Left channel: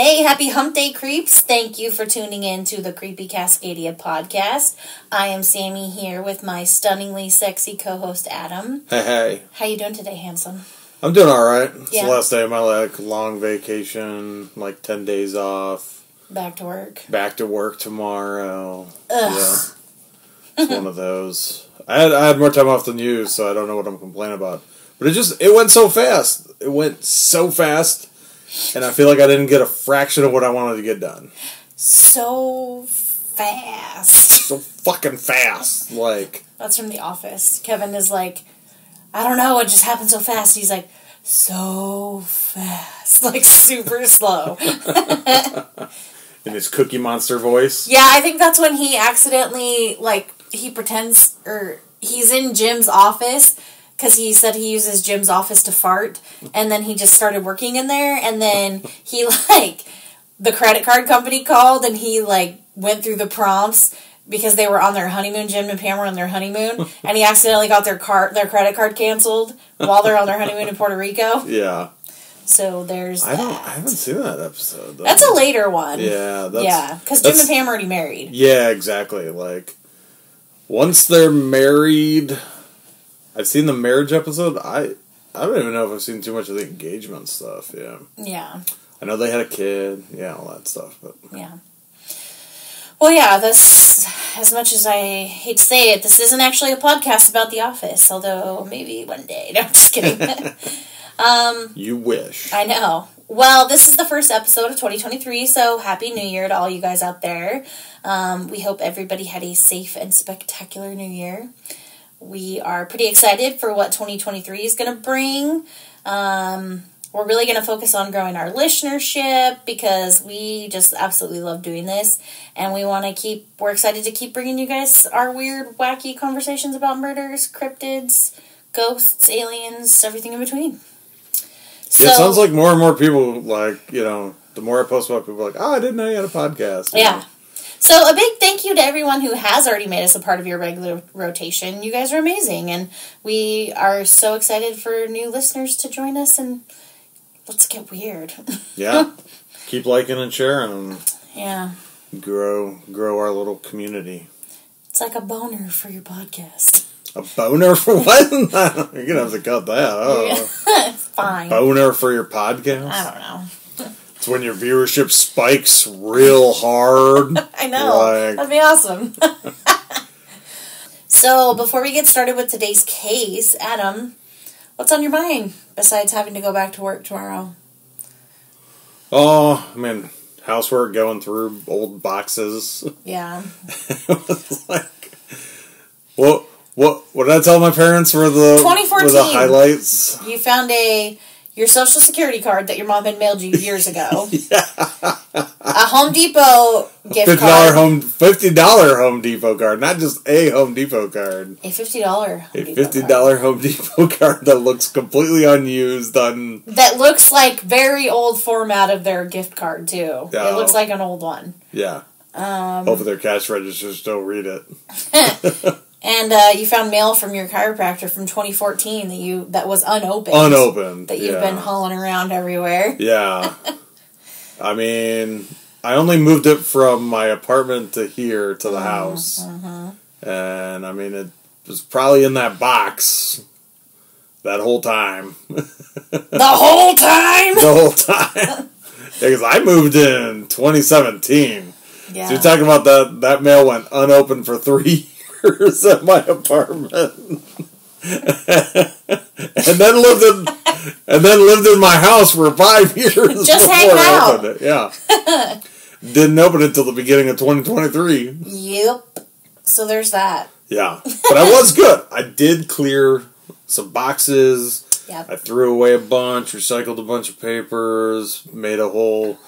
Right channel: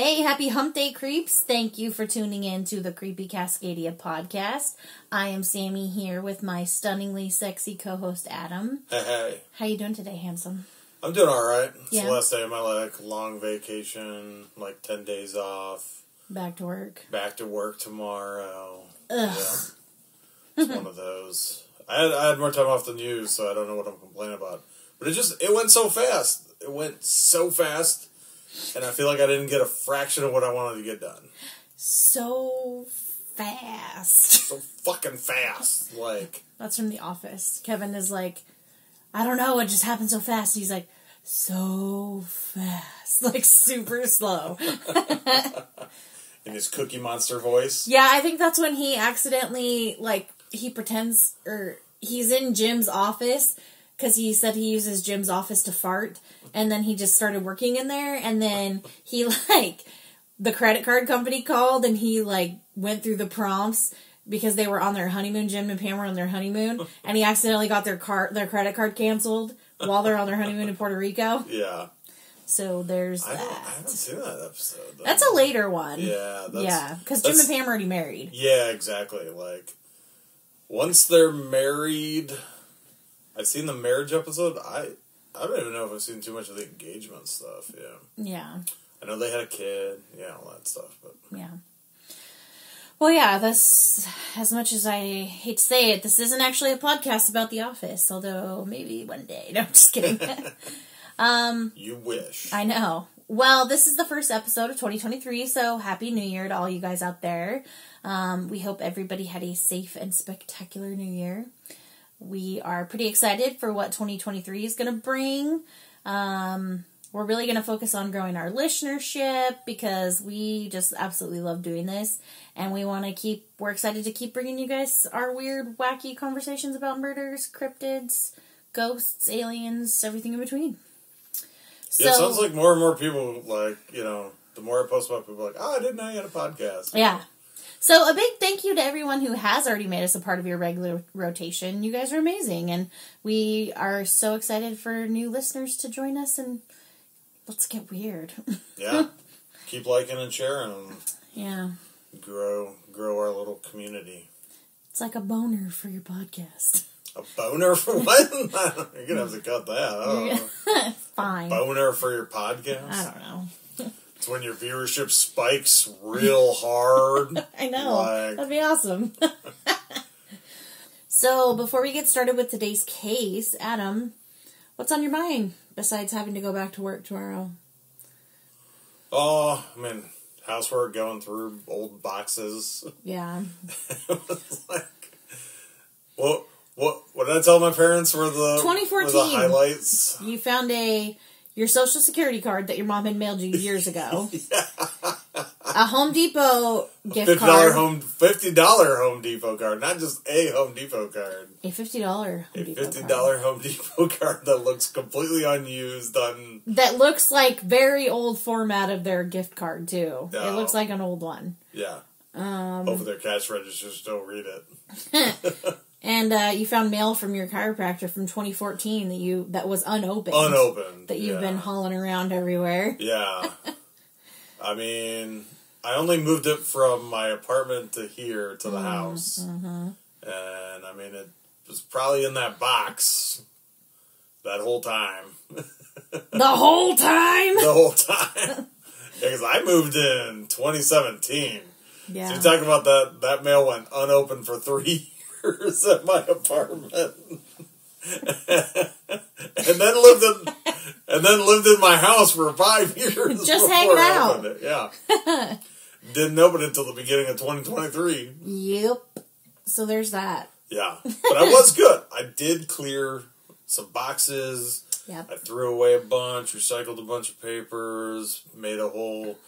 Hey, happy Hump Day, creeps. Thank you for tuning in to the Creepy Cascadia podcast. I am Sammy here with my stunningly sexy co-host, Adam. Hey. How you doing today, handsome? I'm doing alright. It's Yeah. the last day of my long vacation, 10 days off. Back to work. Back to work tomorrow. Ugh. Yeah. It's one of those. I had more time off than you, so I don't know what I'm complaining about. But it went so fast. It went so fast. And I feel like I didn't get a fraction of what I wanted to get done. So fast. So fucking fast. That's from The Office. Kevin is like, I don't know, it just happened so fast. He's like, so fast. Super slow. In his Cookie Monster voice. Yeah, I think that's when he accidentally, he pretends, or he's in Jim's office, because he said he uses Jim's office to fart, and then he just started working in there, and then he, the credit card company called, and he, went through the prompts, because they were on their honeymoon, Jim and Pam were on their honeymoon, and he accidentally got their credit card canceled while they're on their honeymoon in Puerto Rico. Yeah. So there's that. I haven't seen that episode, though. That's a later one. Yeah. Because Jim and Pam are already married. Yeah, exactly. Once they're married... I've seen the marriage episode. I don't even know if I've seen too much of the engagement stuff, yeah. Yeah. I know they had a kid, yeah, all that stuff, but... Yeah. Well, yeah, this, as much as I hate to say it, this isn't actually a podcast about The Office, although maybe one day. No, I'm just kidding. You wish. I know. Well, this is the first episode of 2023, so Happy New Year to all you guys out there. We hope everybody had a safe and spectacular New Year. We are pretty excited for what 2023 is going to bring. We're really going to focus on growing our listenership because we just absolutely love doing this. And we're excited to keep bringing you guys our weird, wacky conversations about murders, cryptids, ghosts, aliens, everything in between. Yeah, it sounds like more and more people, the more I post about people, I didn't know you had a podcast. Yeah. So a big thank you to everyone who has already made us a part of your regular rotation. You guys are amazing, and we are so excited for new listeners to join us, and let's get weird. Yeah. Keep liking and sharing. Yeah. Grow our little community. It's like a boner for your podcast. A boner for what? You're going to have to cut that. Oh. Yeah. Fine. Boner for your podcast? I don't know. It's when your viewership spikes real hard. I know. That'd be awesome. So, before we get started with today's case, Adam, what's on your mind besides having to go back to work tomorrow? Oh, housework, going through old boxes. Yeah. It was what did I tell my parents were the 2014. Were the highlights? You found your Social Security card that your mom had mailed you years ago. Yeah. A Home Depot gift card. $50 Home Depot card, not just a Home Depot card. A $50 $50 Home Depot card that looks completely unused. That looks like very old format of their gift card, too. Oh. It looks like an old one. Yeah. Both of their cash registers don't read it. And you found mail from your chiropractor from 2014 that was unopened. Unopened. That you've been hauling around everywhere. Yeah. I only moved it from my apartment to here to the house. And it was probably in that box that whole time. The whole time? The whole time. Because I moved in 2017. Yeah. So you're talking about that mail went unopened for 3 years at my apartment. and then lived in my house for 5 years Just before I out. opened it. Yeah. Didn't open it until the beginning of 2023. Yep. So there's that. Yeah. But I was good. I did clear some boxes. Yep. I threw away a bunch, recycled a bunch of papers, made a whole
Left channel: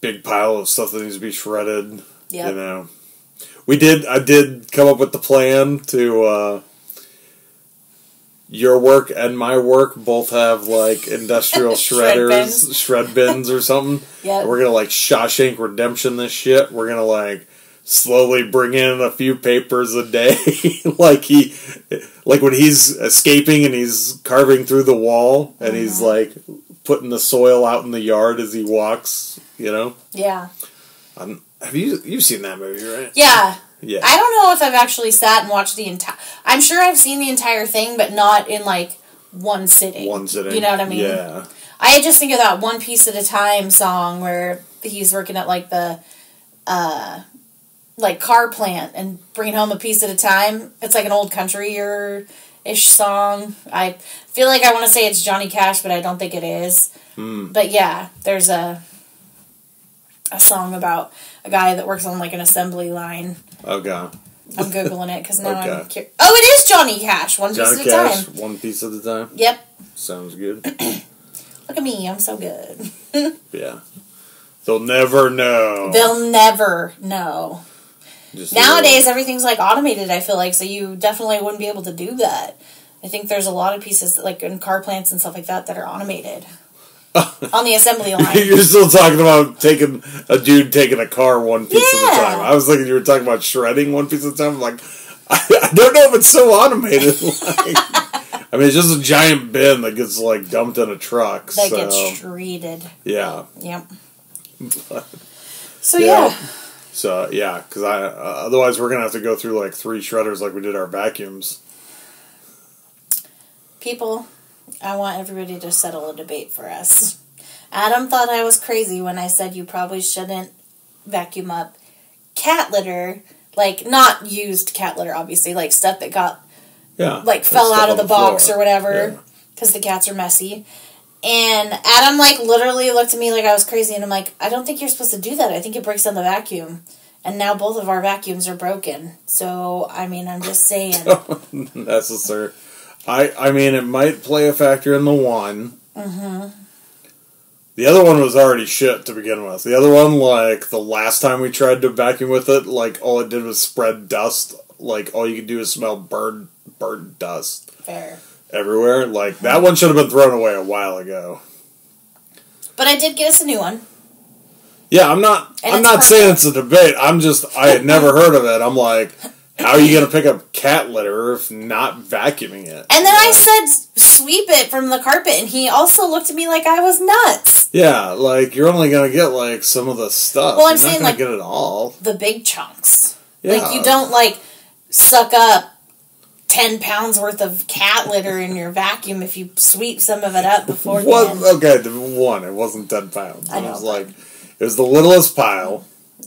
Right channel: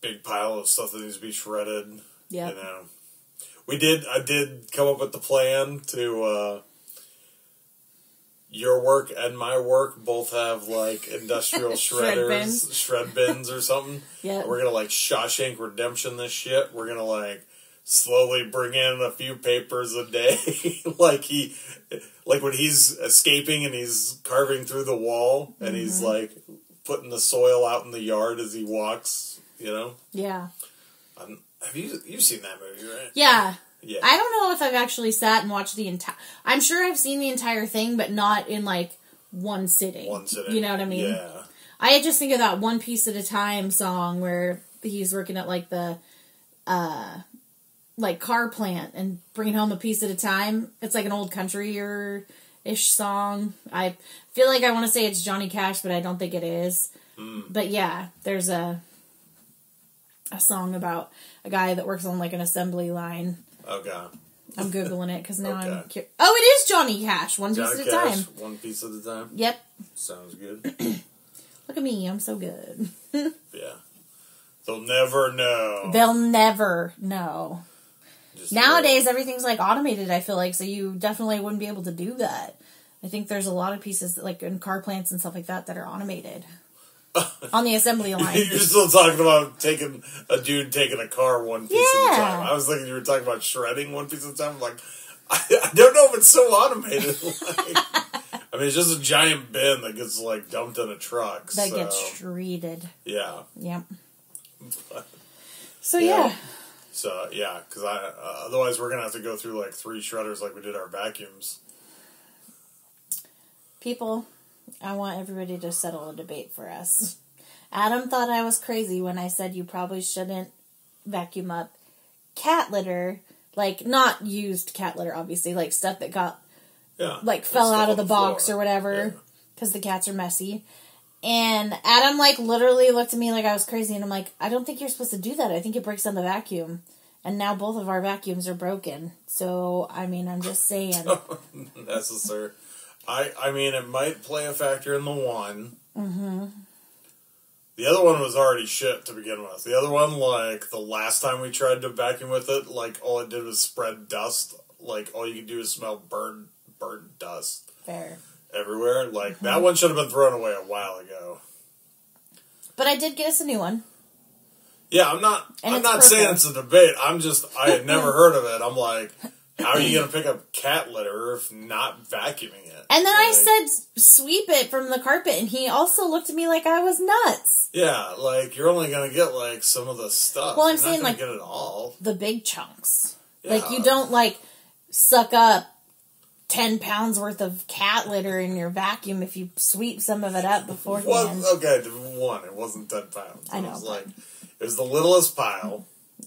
big pile of stuff that needs to be shredded. Yep. I did come up with the plan to, your work and my work both have, industrial shredders, shred bins or something. Yeah. We're gonna, Shawshank Redemption this shit. We're gonna, slowly bring in a few papers a day. Like when he's escaping and he's carving through the wall and he's, putting the soil out in the yard as he walks, you know? Yeah. Have you've seen that movie, right? Yeah. Yeah. I don't know if I've actually sat and watched the entire... I'm sure I've seen the entire thing, but not in, like, one sitting. One sitting. You know what I mean? Yeah. I just think of that One Piece at a Time song where he's working at, like, the, like, car plant and bringing home a piece at a time. It's like an old country-ish song. I feel like I want to say it's Johnny Cash, but I don't think it is. But, yeah, there's a song about a guy that works on, like, an assembly line. Okay. I'm Googling it because now Okay. I'm curious. Oh, it is Johnny Cash. One piece at a time. One piece at a time? Yep. Sounds good. Look at me. I'm so good. Yeah. They'll never know. They'll never know. Just Nowadays, everything's, like, automated, I feel like, so you definitely wouldn't be able to do that. I think there's a lot of pieces, like, in car plants and stuff like that are automated. On the assembly line. You're still talking about a dude taking a car one piece at a time. I was thinking you were talking about shredding one piece at a time. I'm like, I don't know if it's so automated. Like, I mean, it's just a giant bin that gets, like, dumped in a truck. That gets treated. Yeah. Yep. So, yeah. So, yeah, because otherwise we're going to have to go through, like, 3 shredders like we did our vacuums. People, I want everybody to settle a debate for us. Adam thought I was crazy when I said you probably shouldn't vacuum up cat litter. Like, not used cat litter, obviously. Like, stuff that got, like, fell out of the box floor. Or whatever. Because the cats are messy. And Adam, like, literally looked at me like I was crazy. And I'm like, I don't think you're supposed to do that. I think it breaks down the vacuum. And now both of our vacuums are broken. So, I mean, I'm just saying. Necessary. I mean, it might play a factor in the one. Mm-hmm. The other one was already shit to begin with. The other one, like, the last time we tried to vacuum with it, like, all it did was spread dust. Like, all you could do is smell burnt dust. Fair. Everywhere. Like, that one should have been thrown away a while ago. But I did get us a new one. Yeah, I'm not saying it's a debate. I had never heard of it. I'm like... How are you going to pick up cat litter if not vacuuming it? And then I said, sweep it from the carpet, and he also looked at me like I was nuts. Yeah, like, you're only going to get, like, some of the stuff. Well, I'm saying, not going to get it all. The big chunks. Yeah. Like, you don't, like, suck up 10 pounds worth of cat litter in your vacuum if you sweep some of it up before you Okay, it wasn't 10 pounds. I know. It was, like, it was the littlest pile.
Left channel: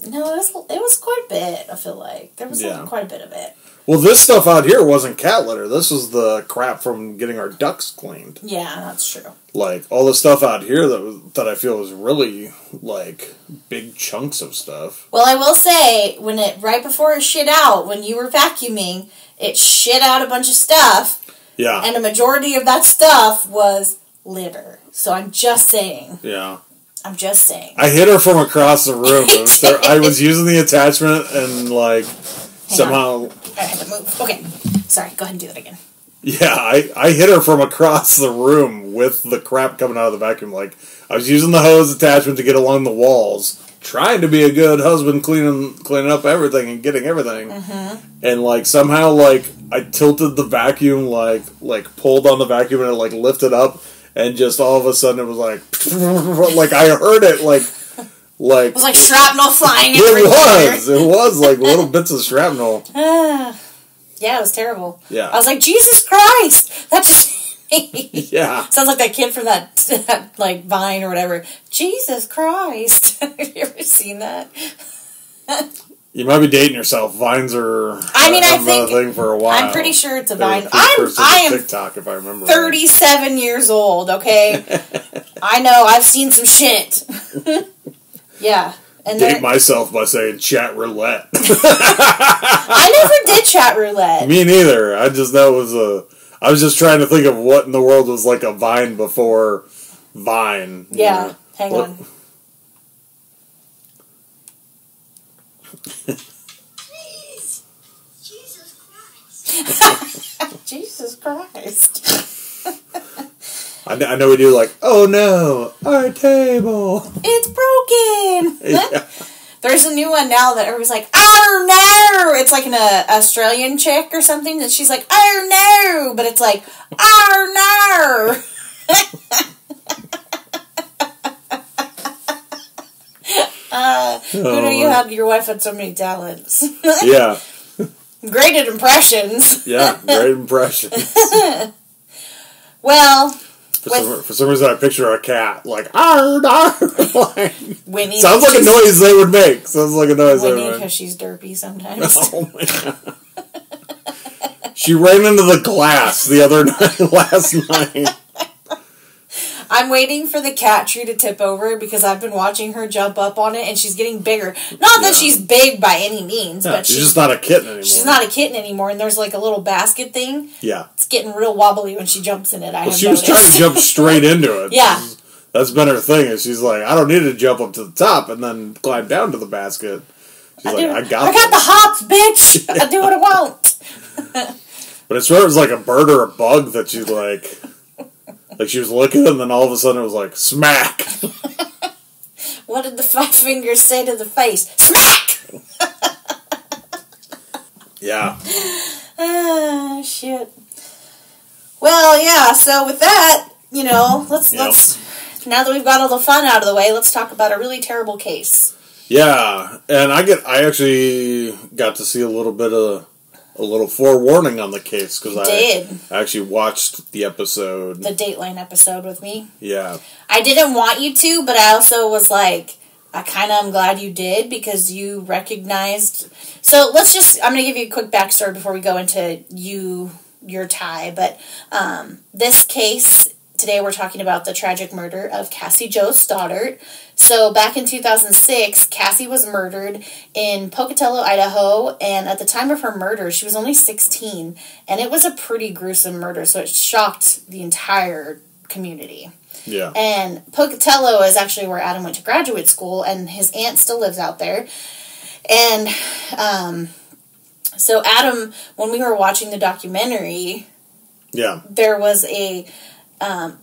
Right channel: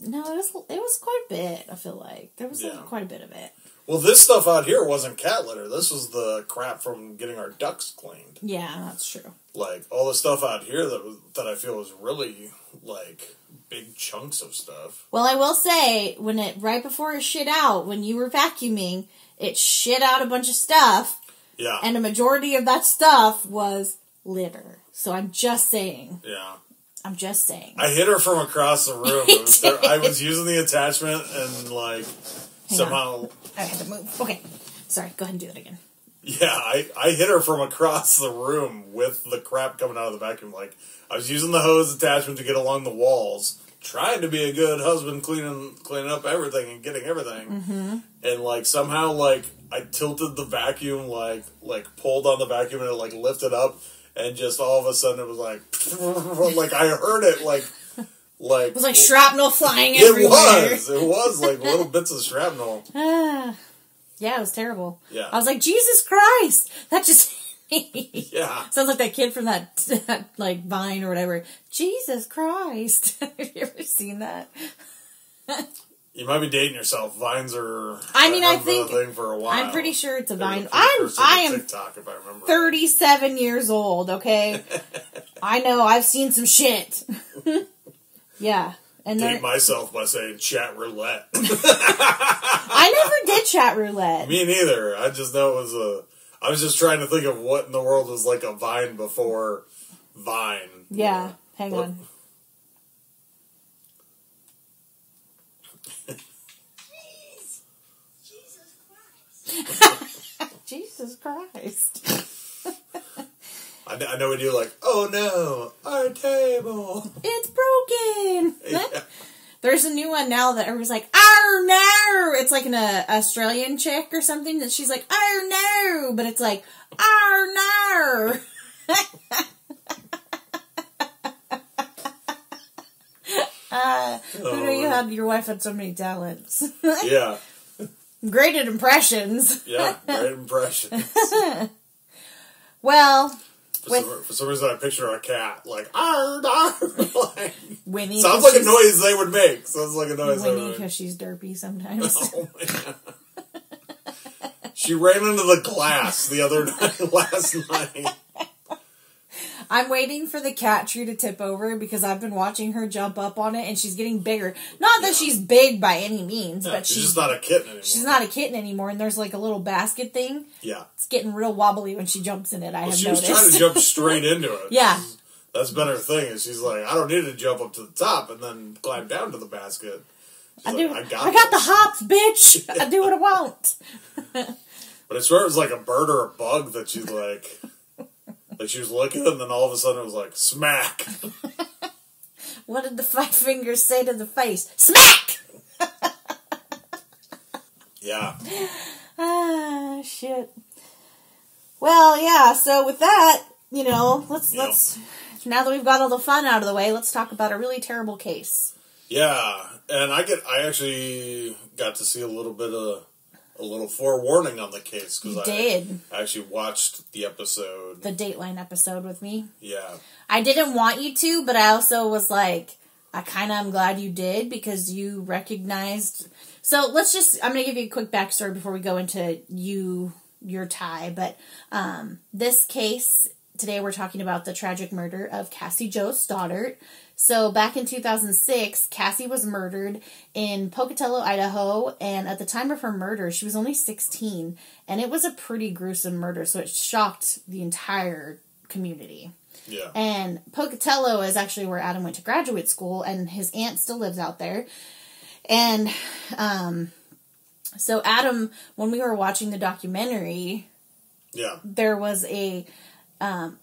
No, it was quite a bit, I feel like. There was quite a bit of it. Well, this stuff out here wasn't cat litter. This was the crap from getting our ducts cleaned. Yeah, that's true. Like, all the stuff out here that I feel was really, like, big chunks of stuff. Well, I will say, right before it shit out, when you were vacuuming, it shit out a bunch of stuff. Yeah. And a majority of that stuff was litter. So I'm just saying. Yeah. I'm just saying. I hit her from across the room. I was using the attachment and, like, somehow... I had to move. Okay. Sorry, go ahead and do it again. Yeah, I hit her from across the room with the crap coming out of the vacuum. Like, I was using the hose attachment to get along the walls, trying to be a good husband, cleaning up everything and getting everything. Mm-hmm. And, like, somehow, like, I tilted the vacuum, like pulled on the vacuum and it, like, lifted up. And just all of a sudden it was like, like I heard it, like. It was like shrapnel flying everywhere. It was like little bits of shrapnel. Yeah, it was terrible. Yeah. I was like, Jesus Christ! That just yeah. Sounds like that kid from that like Vine or whatever. Jesus Christ! Have you ever seen that? You might be dating yourself. Vines are I think a thing for a while. I'm pretty sure it's a Vine. I am TikTok, if I remember 37 years old, okay? I know, I've seen some shit. Yeah. And date myself by saying chat roulette. I never did chat roulette. Me neither. I just know it was I was just trying to think of what in the world was like a Vine before Vine. Yeah, know? Hang on. Please. Jesus Christ. Jesus Christ. I know we do like, oh no, our table. It's broken. Yeah. There's a new one now that everybody's like, oh no. It's like an Australian chick or something that she's like, oh no. But it's like, oh no. Who knew your wife had so many talents? Yeah. Great at impressions. Yeah, great impressions. Well, for some reason I picture a cat like, arr, arr, like Winnie. Sounds like a noise they would make. Sounds like a noise they would make. Because she's derpy sometimes. Oh, man. She ran into the glass the other night, last night. I'm waiting for the cat tree to tip over because I've been watching her jump up on it and she's getting bigger. Not that she's big by any means, but she's just not a kitten anymore. She's not a kitten anymore, and there's like a little basket thing. Yeah. It's getting real wobbly when she jumps in it. She was trying to jump straight into it. Yeah. That's been her thing, is she's like, I don't need to jump up to the top and then climb down to the basket. She's I got the hops, bitch! I do what I want! But I swear it was like a bird or a bug that she like she was looking, and then all of a sudden it was like, smack! What did the 5 fingers say to the face? Smack! Yeah. Ah, shit. Well, yeah, so with that, let's now that we've got all the fun out of the way, let's talk about a really terrible case. Yeah, and I actually got to see a little forewarning on the case, because I actually watched the episode. The Dateline episode with me. Yeah. I didn't want you to, but I also was like, I kind of am glad you did, because you recognized. So I'm going to give you a quick backstory before we go into your tie. But this case, today we're talking about the tragic murder of Cassie Jo Stoddart. So back in 2006, Cassie was murdered in Pocatello, Idaho, and at the time of her murder, she was only 16, and it was a pretty gruesome murder, so it shocked the entire community. Yeah. And Pocatello is actually where Adam went to graduate school, and his aunt still lives out there. And so Adam, when we were watching the documentary, there was a...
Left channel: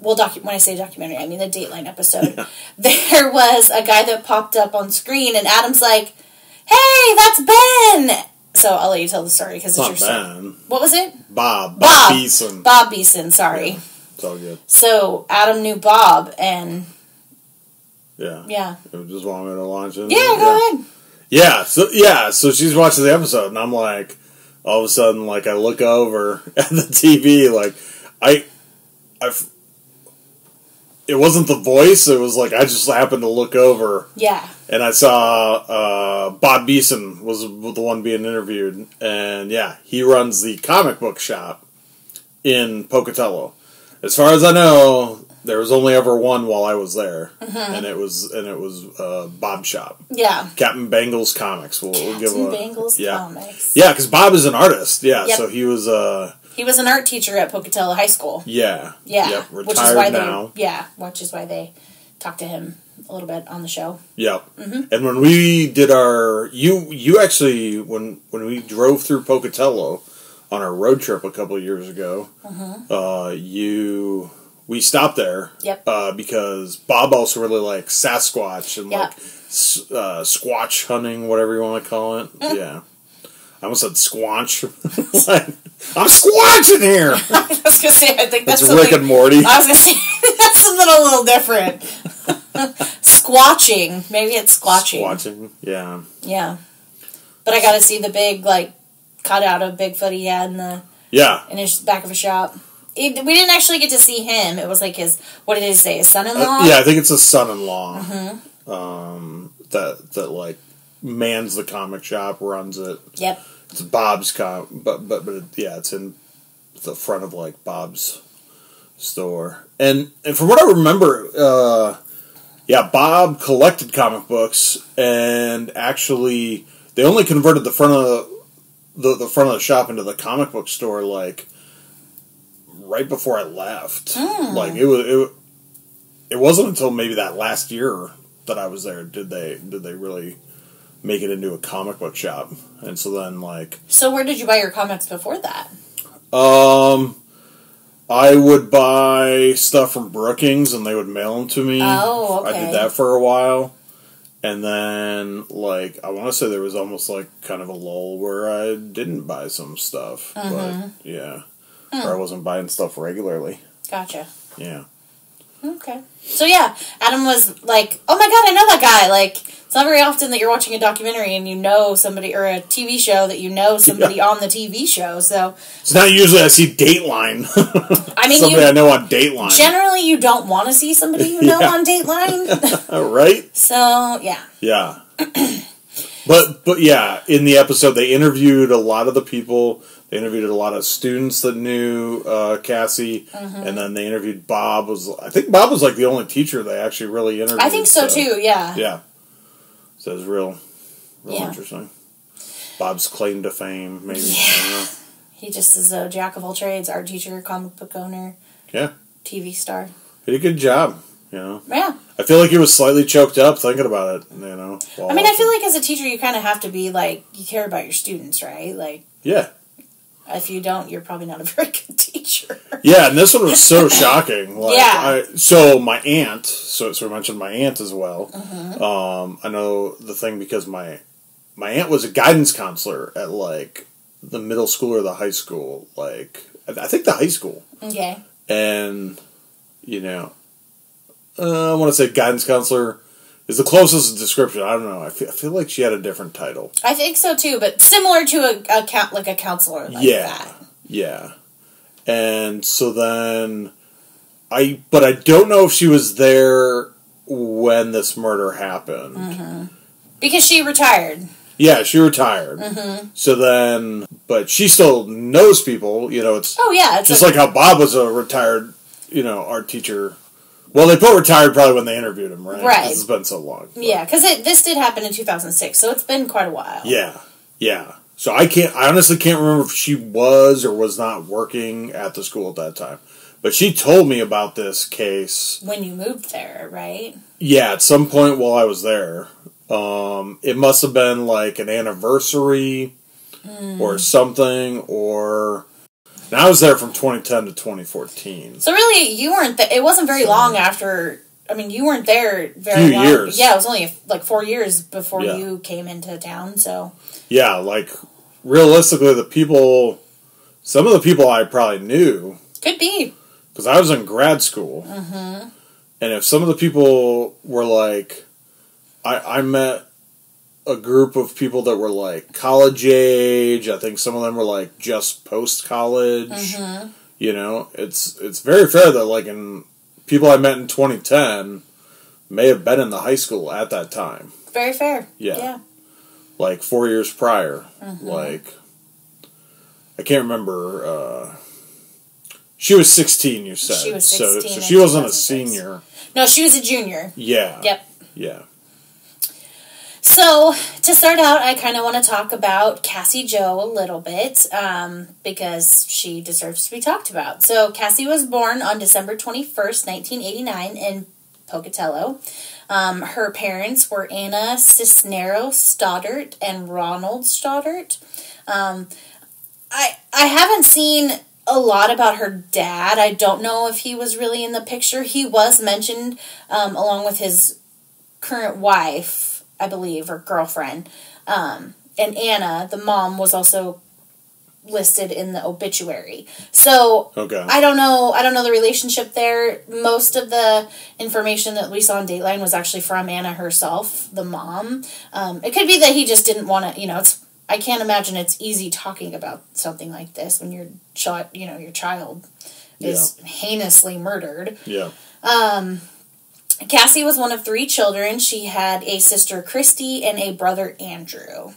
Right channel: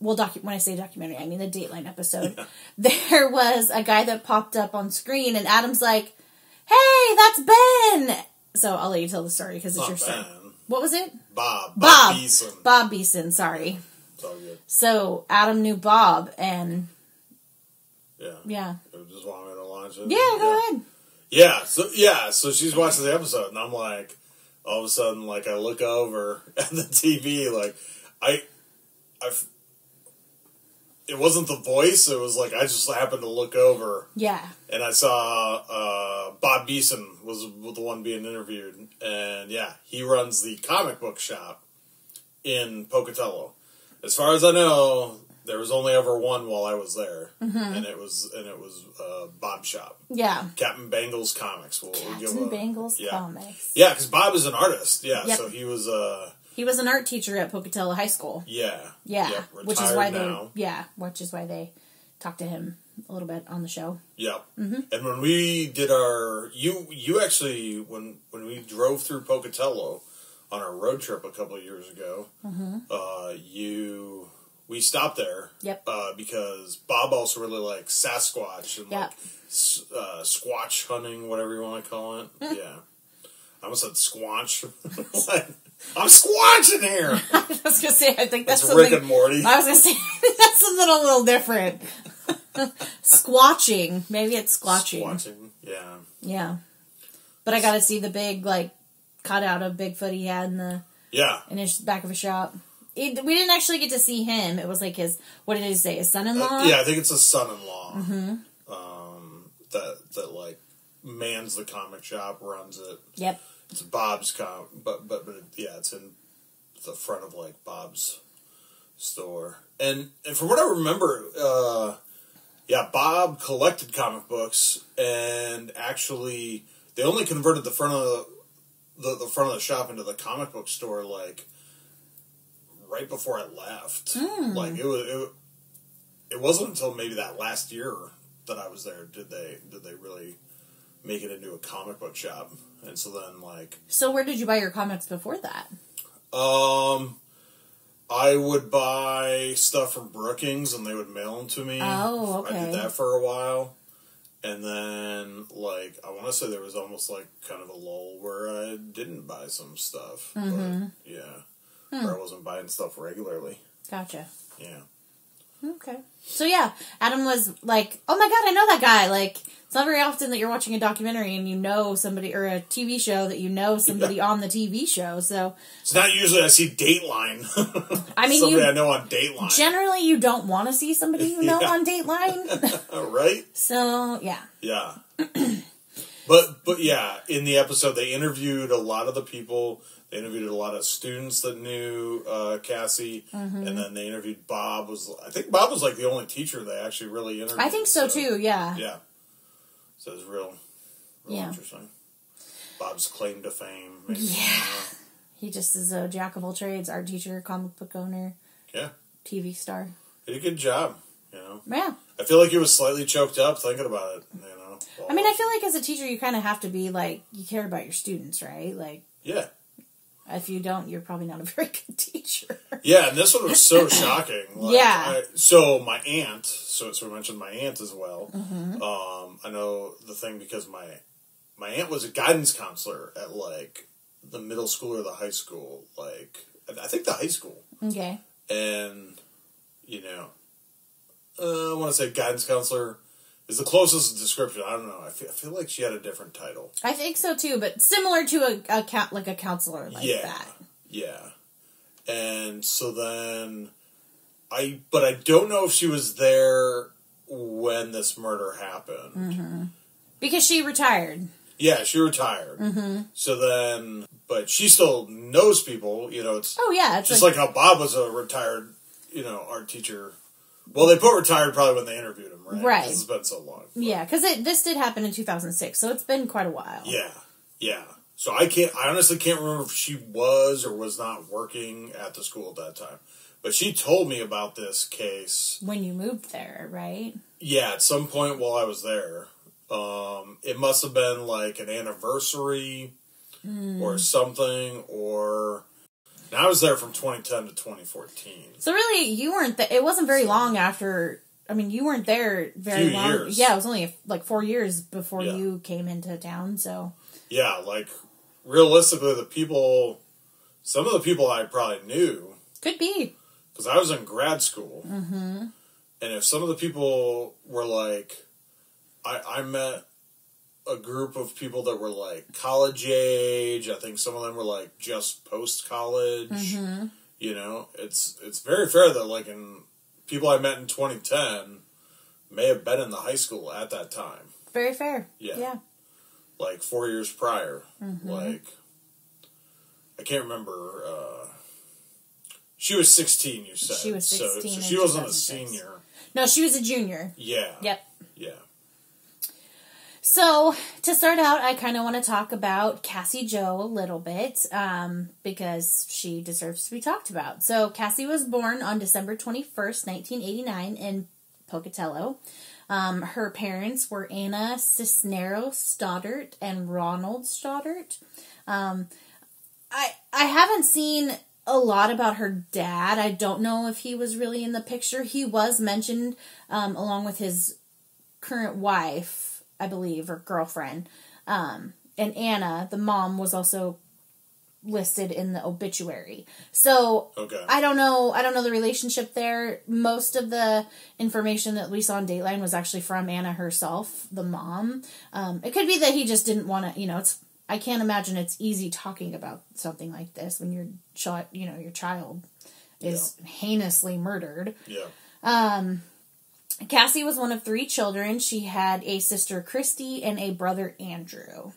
when I say documentary, I mean the Dateline episode. Yeah. There was a guy that popped up on screen, and Adam's like, "Hey, that's Ben!" So I'll let you tell the story, because it's your story. What was it? Bob Beeson. Bob Beeson, sorry. Yeah, it's all good. So Adam knew Bob, and... Yeah. It just wanted me to launch it. Yeah, go ahead. Yeah, so she's watching the episode, and I'm like, all of a sudden, like, I look over at the TV, like, it wasn't the voice, it was like I just happened to look over. Yeah. And I saw Bob Beeson was the one being interviewed. And he runs the comic book shop in Pocatello. As far as I know, there was only ever one while I was there. Mm-hmm. And it was Bob's shop. Yeah. Captain Bangles Comics. We'll give Captain Bangles Comics. Yeah, because Bob is an artist. Yeah, yep. So he was... he was an art teacher at Pocatello High School. Yeah. Yeah. Yep, retired now. Which is why they talked to him a little bit on the show. Yep. Mm-hmm. And when we did our... You actually, when we drove through Pocatello on our road trip a couple of years ago, we stopped there. Yep. Because Bob also really likes Sasquatch and like squatch hunting, whatever you want to call it. Mm. Yeah. I almost said squanch. I'm squanching here! I was going to say, I think that's Rick and Morty. I was going to say, that's something a little different. Squatching. Maybe it's squatching. Squatching, yeah. Yeah. But I got to see the big, like, cutout of Bigfoot he had in his back of a shop. We didn't actually get to see him. It was like what did he say, his son-in-law? Yeah, I think it's his son-in-law. Mm-hmm. That like, mans the comic shop, runs it. Yep. It's Bob's but it's in the front of like Bob's store. And from what I remember, Bob collected comic books, and actually they only converted the front of the front of the shop into the comic book store like right before I left. Mm. Like it wasn't until maybe that last year that I was there did they really make it into a comic book shop. And so then, like... So where did you buy your comics before that? I would buy stuff from Brookings, and they would mail them to me. Oh, okay. I did that for a while. And then, like, I want to say there was almost, like, kind of a lull where I didn't buy some stuff. Mm-hmm. But, yeah. Or I wasn't buying stuff regularly. Gotcha. Yeah. Okay. So, yeah, Adam was like, oh, my God, I know that guy. Like, not very often that you're watching a documentary and you know somebody, or a TV show that you know somebody on the TV show. So it's not usually I see Dateline. I mean, somebody I know on Dateline. Generally, you don't want to see somebody you know on Dateline, right? So yeah, yeah. But yeah, in the episode they interviewed a lot of the people. They interviewed a lot of students that knew Cassie, and then they interviewed Bob. I think Bob was like the only teacher they actually really interviewed. I think so too. Yeah. Yeah. So it was real interesting. Bob's claim to fame, maybe. Yeah. I don't know. He just is a jack of all trades: art teacher, comic book owner, TV star. He did a good job. Yeah. I feel like he was slightly choked up thinking about it. I mean, I feel like as a teacher, you kind of have to be like, you care about your students, right? Like. Yeah. If you don't, you're probably not a very good teacher. Yeah, and this one was so shocking. Like, so my aunt, so I mentioned my aunt as well. I know the thing because my aunt was a guidance counselor at like the middle school or the high school. Like I think the high school. Okay. And I want to say guidance counselor is the closest description. I don't know. I feel like she had a different title. I think so too, but similar to a counselor like that. Yeah. And so then I don't know if she was there when this murder happened. Because she retired. Yeah, she retired. So then, but she still knows people, it's... Oh, yeah. It's just like how Bob was a retired, art teacher. Well, they put retired probably when they interviewed him, right? Right. Because it's been so long. But. Yeah, because this did happen in 2006, so it's been quite a while. Yeah. So I honestly can't remember if she was or was not working at the school at that time. But she told me about this case. When you moved there, right? Yeah, at some point while I was there. It must have been like an anniversary or something, or... And I was there from 2010 to 2014. So really, you weren't... It wasn't very long after... I mean, you weren't there very long. Years. Yeah, it was only like 4 years before you came into town, so... Yeah, like, realistically, some of the people I probably knew... Could be. Because I was in grad school. And if some of the people were like... I met a group of people that were like college age. I think some of them were like just post-college. It's very fair that like people I met in 2010 may have been in the high school at that time. Very fair. Yeah. Like 4 years prior. Like, I can't remember, she was 16, you said. She was 16. So she wasn't a senior. No, she was a junior. Yeah. Yep. Yeah. So, to start out, I kind of want to talk about Cassie Jo a little bit, because she deserves to be talked about. So, Cassie was born on December 21st, 1989 in Pocatello. Her parents were Anna Cisneros Stoddart and Ronald Stoddart. I haven't seen a lot about her dad. I don't know if he was really in the picture. He was mentioned along with his current wife, I believe, or girlfriend. And Anna, the mom, was also listed in the obituary. So I don't know the relationship there. Most of the information that we saw on Dateline was actually from Anna herself, the mom. It could be that he just didn't want to, I can't imagine it's easy talking about something like this when your child is heinously murdered. Yeah. Cassie was one of 3 children. She had a sister, Christy, and a brother, Andrew.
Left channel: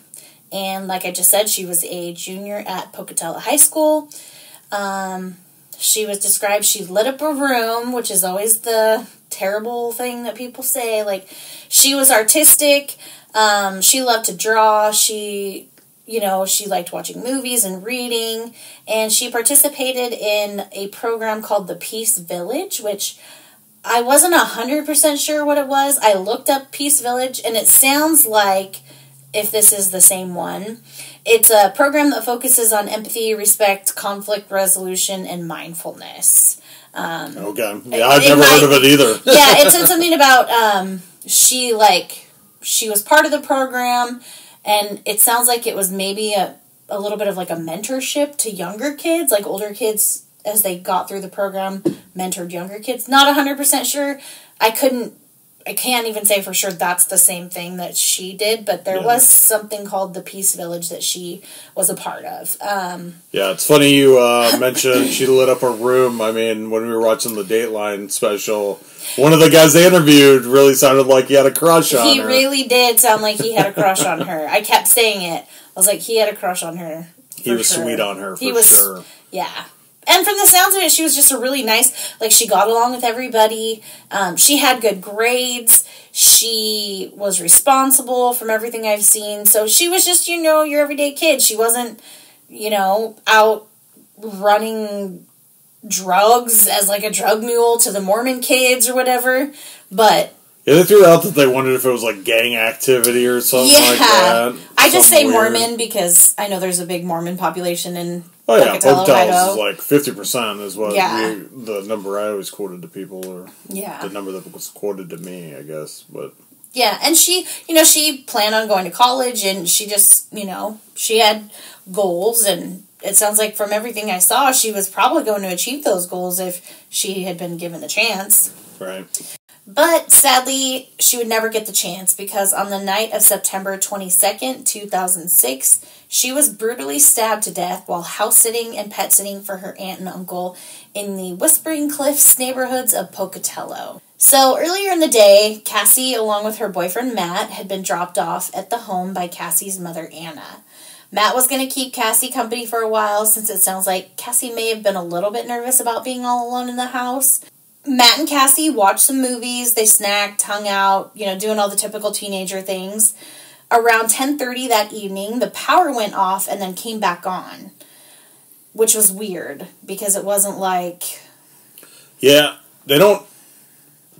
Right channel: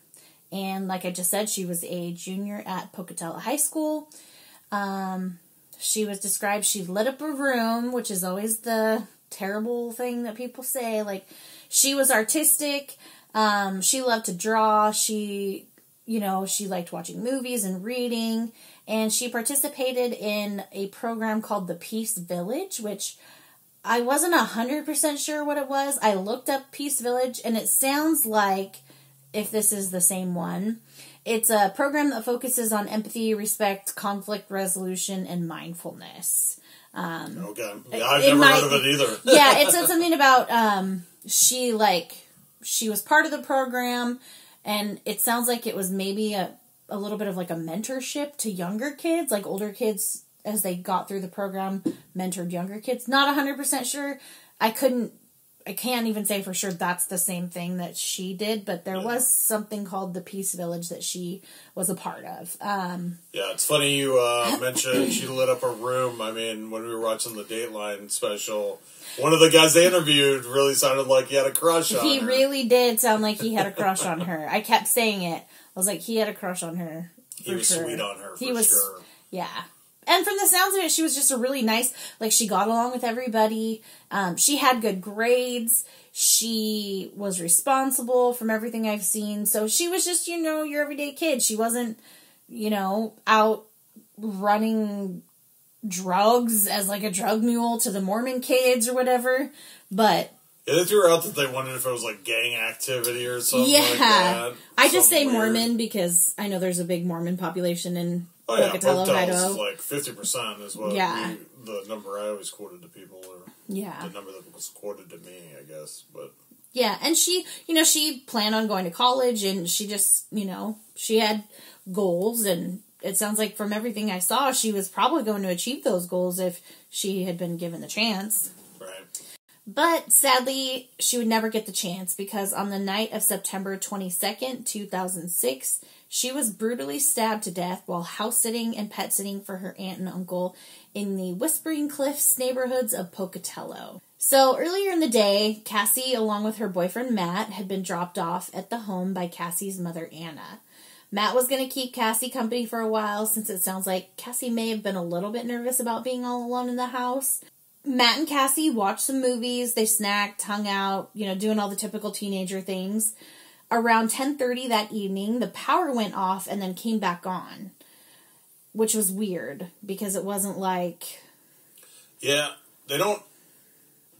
And like I just said, she was a junior at Pocatello High School. She was described, she lit up a room, which is always the terrible thing that people say. Like, she was artistic. She loved to draw. She liked watching movies and reading. And she participated in a program called the Peace Village, which... I wasn't 100% sure what it was. I looked up Peace Village, and it sounds like, if this is the same one, it's a program that focuses on empathy, respect, conflict resolution, and mindfulness. Okay. Yeah, I've never heard of it either. Yeah, it said something about she was part of the program, and it sounds like it was maybe a little bit of like a mentorship to younger kids, like older kids, as they got through the program, mentored younger kids. Not 100% sure. I couldn't I can't even say for sure that's the same thing that she did, but there Yeah. was something called the Peace Village that she was a part of. Yeah, it's funny you mentioned she lit up her room. I mean, when we were watching the Dateline special, one of the guys they interviewed really sounded like he had a crush on her. He really did sound like he had a crush on her. I kept saying it. I was like, he had a crush on her. He was sweet on her, for sure. Yeah. And from the sounds of it, she was just a really nice, like, she got along with everybody. She had good grades. She was responsible from everything I've seen. So she was just, your everyday kid. She wasn't, out running drugs as, like, a drug mule to the Mormon kids or whatever. But... Yeah, they threw out that they wondered if it was, like, gang activity or something like that. I just say Mormon because I know there's a big Mormon population in Pocatello, Idaho. is like 50% is what the number I always quoted to people, or the number that was quoted to me, I guess. But yeah, and she, she planned on going to college, and she just, she had goals, and it sounds like from everything I saw, she was probably going to achieve those goals if she had been given the chance. Right. But sadly, she would never get the chance because on the night of September 22nd, 2006, she was brutally stabbed to death while house sitting and pet sitting for her aunt and uncle in the Whispering Cliffs neighborhoods of Pocatello. So earlier in the day, Cassie, along with her boyfriend Matt, had been dropped off at the home by Cassie's mother Anna. Matt was going to keep Cassie company for a while since it sounds like Cassie may have been a little bit nervous about being all alone in the house. Matt and Cassie watched some movies, they snacked, hung out, doing all the typical teenager things. Around 10:30 that evening, the power went off and then came back on, which was weird because it wasn't like... Yeah, they don't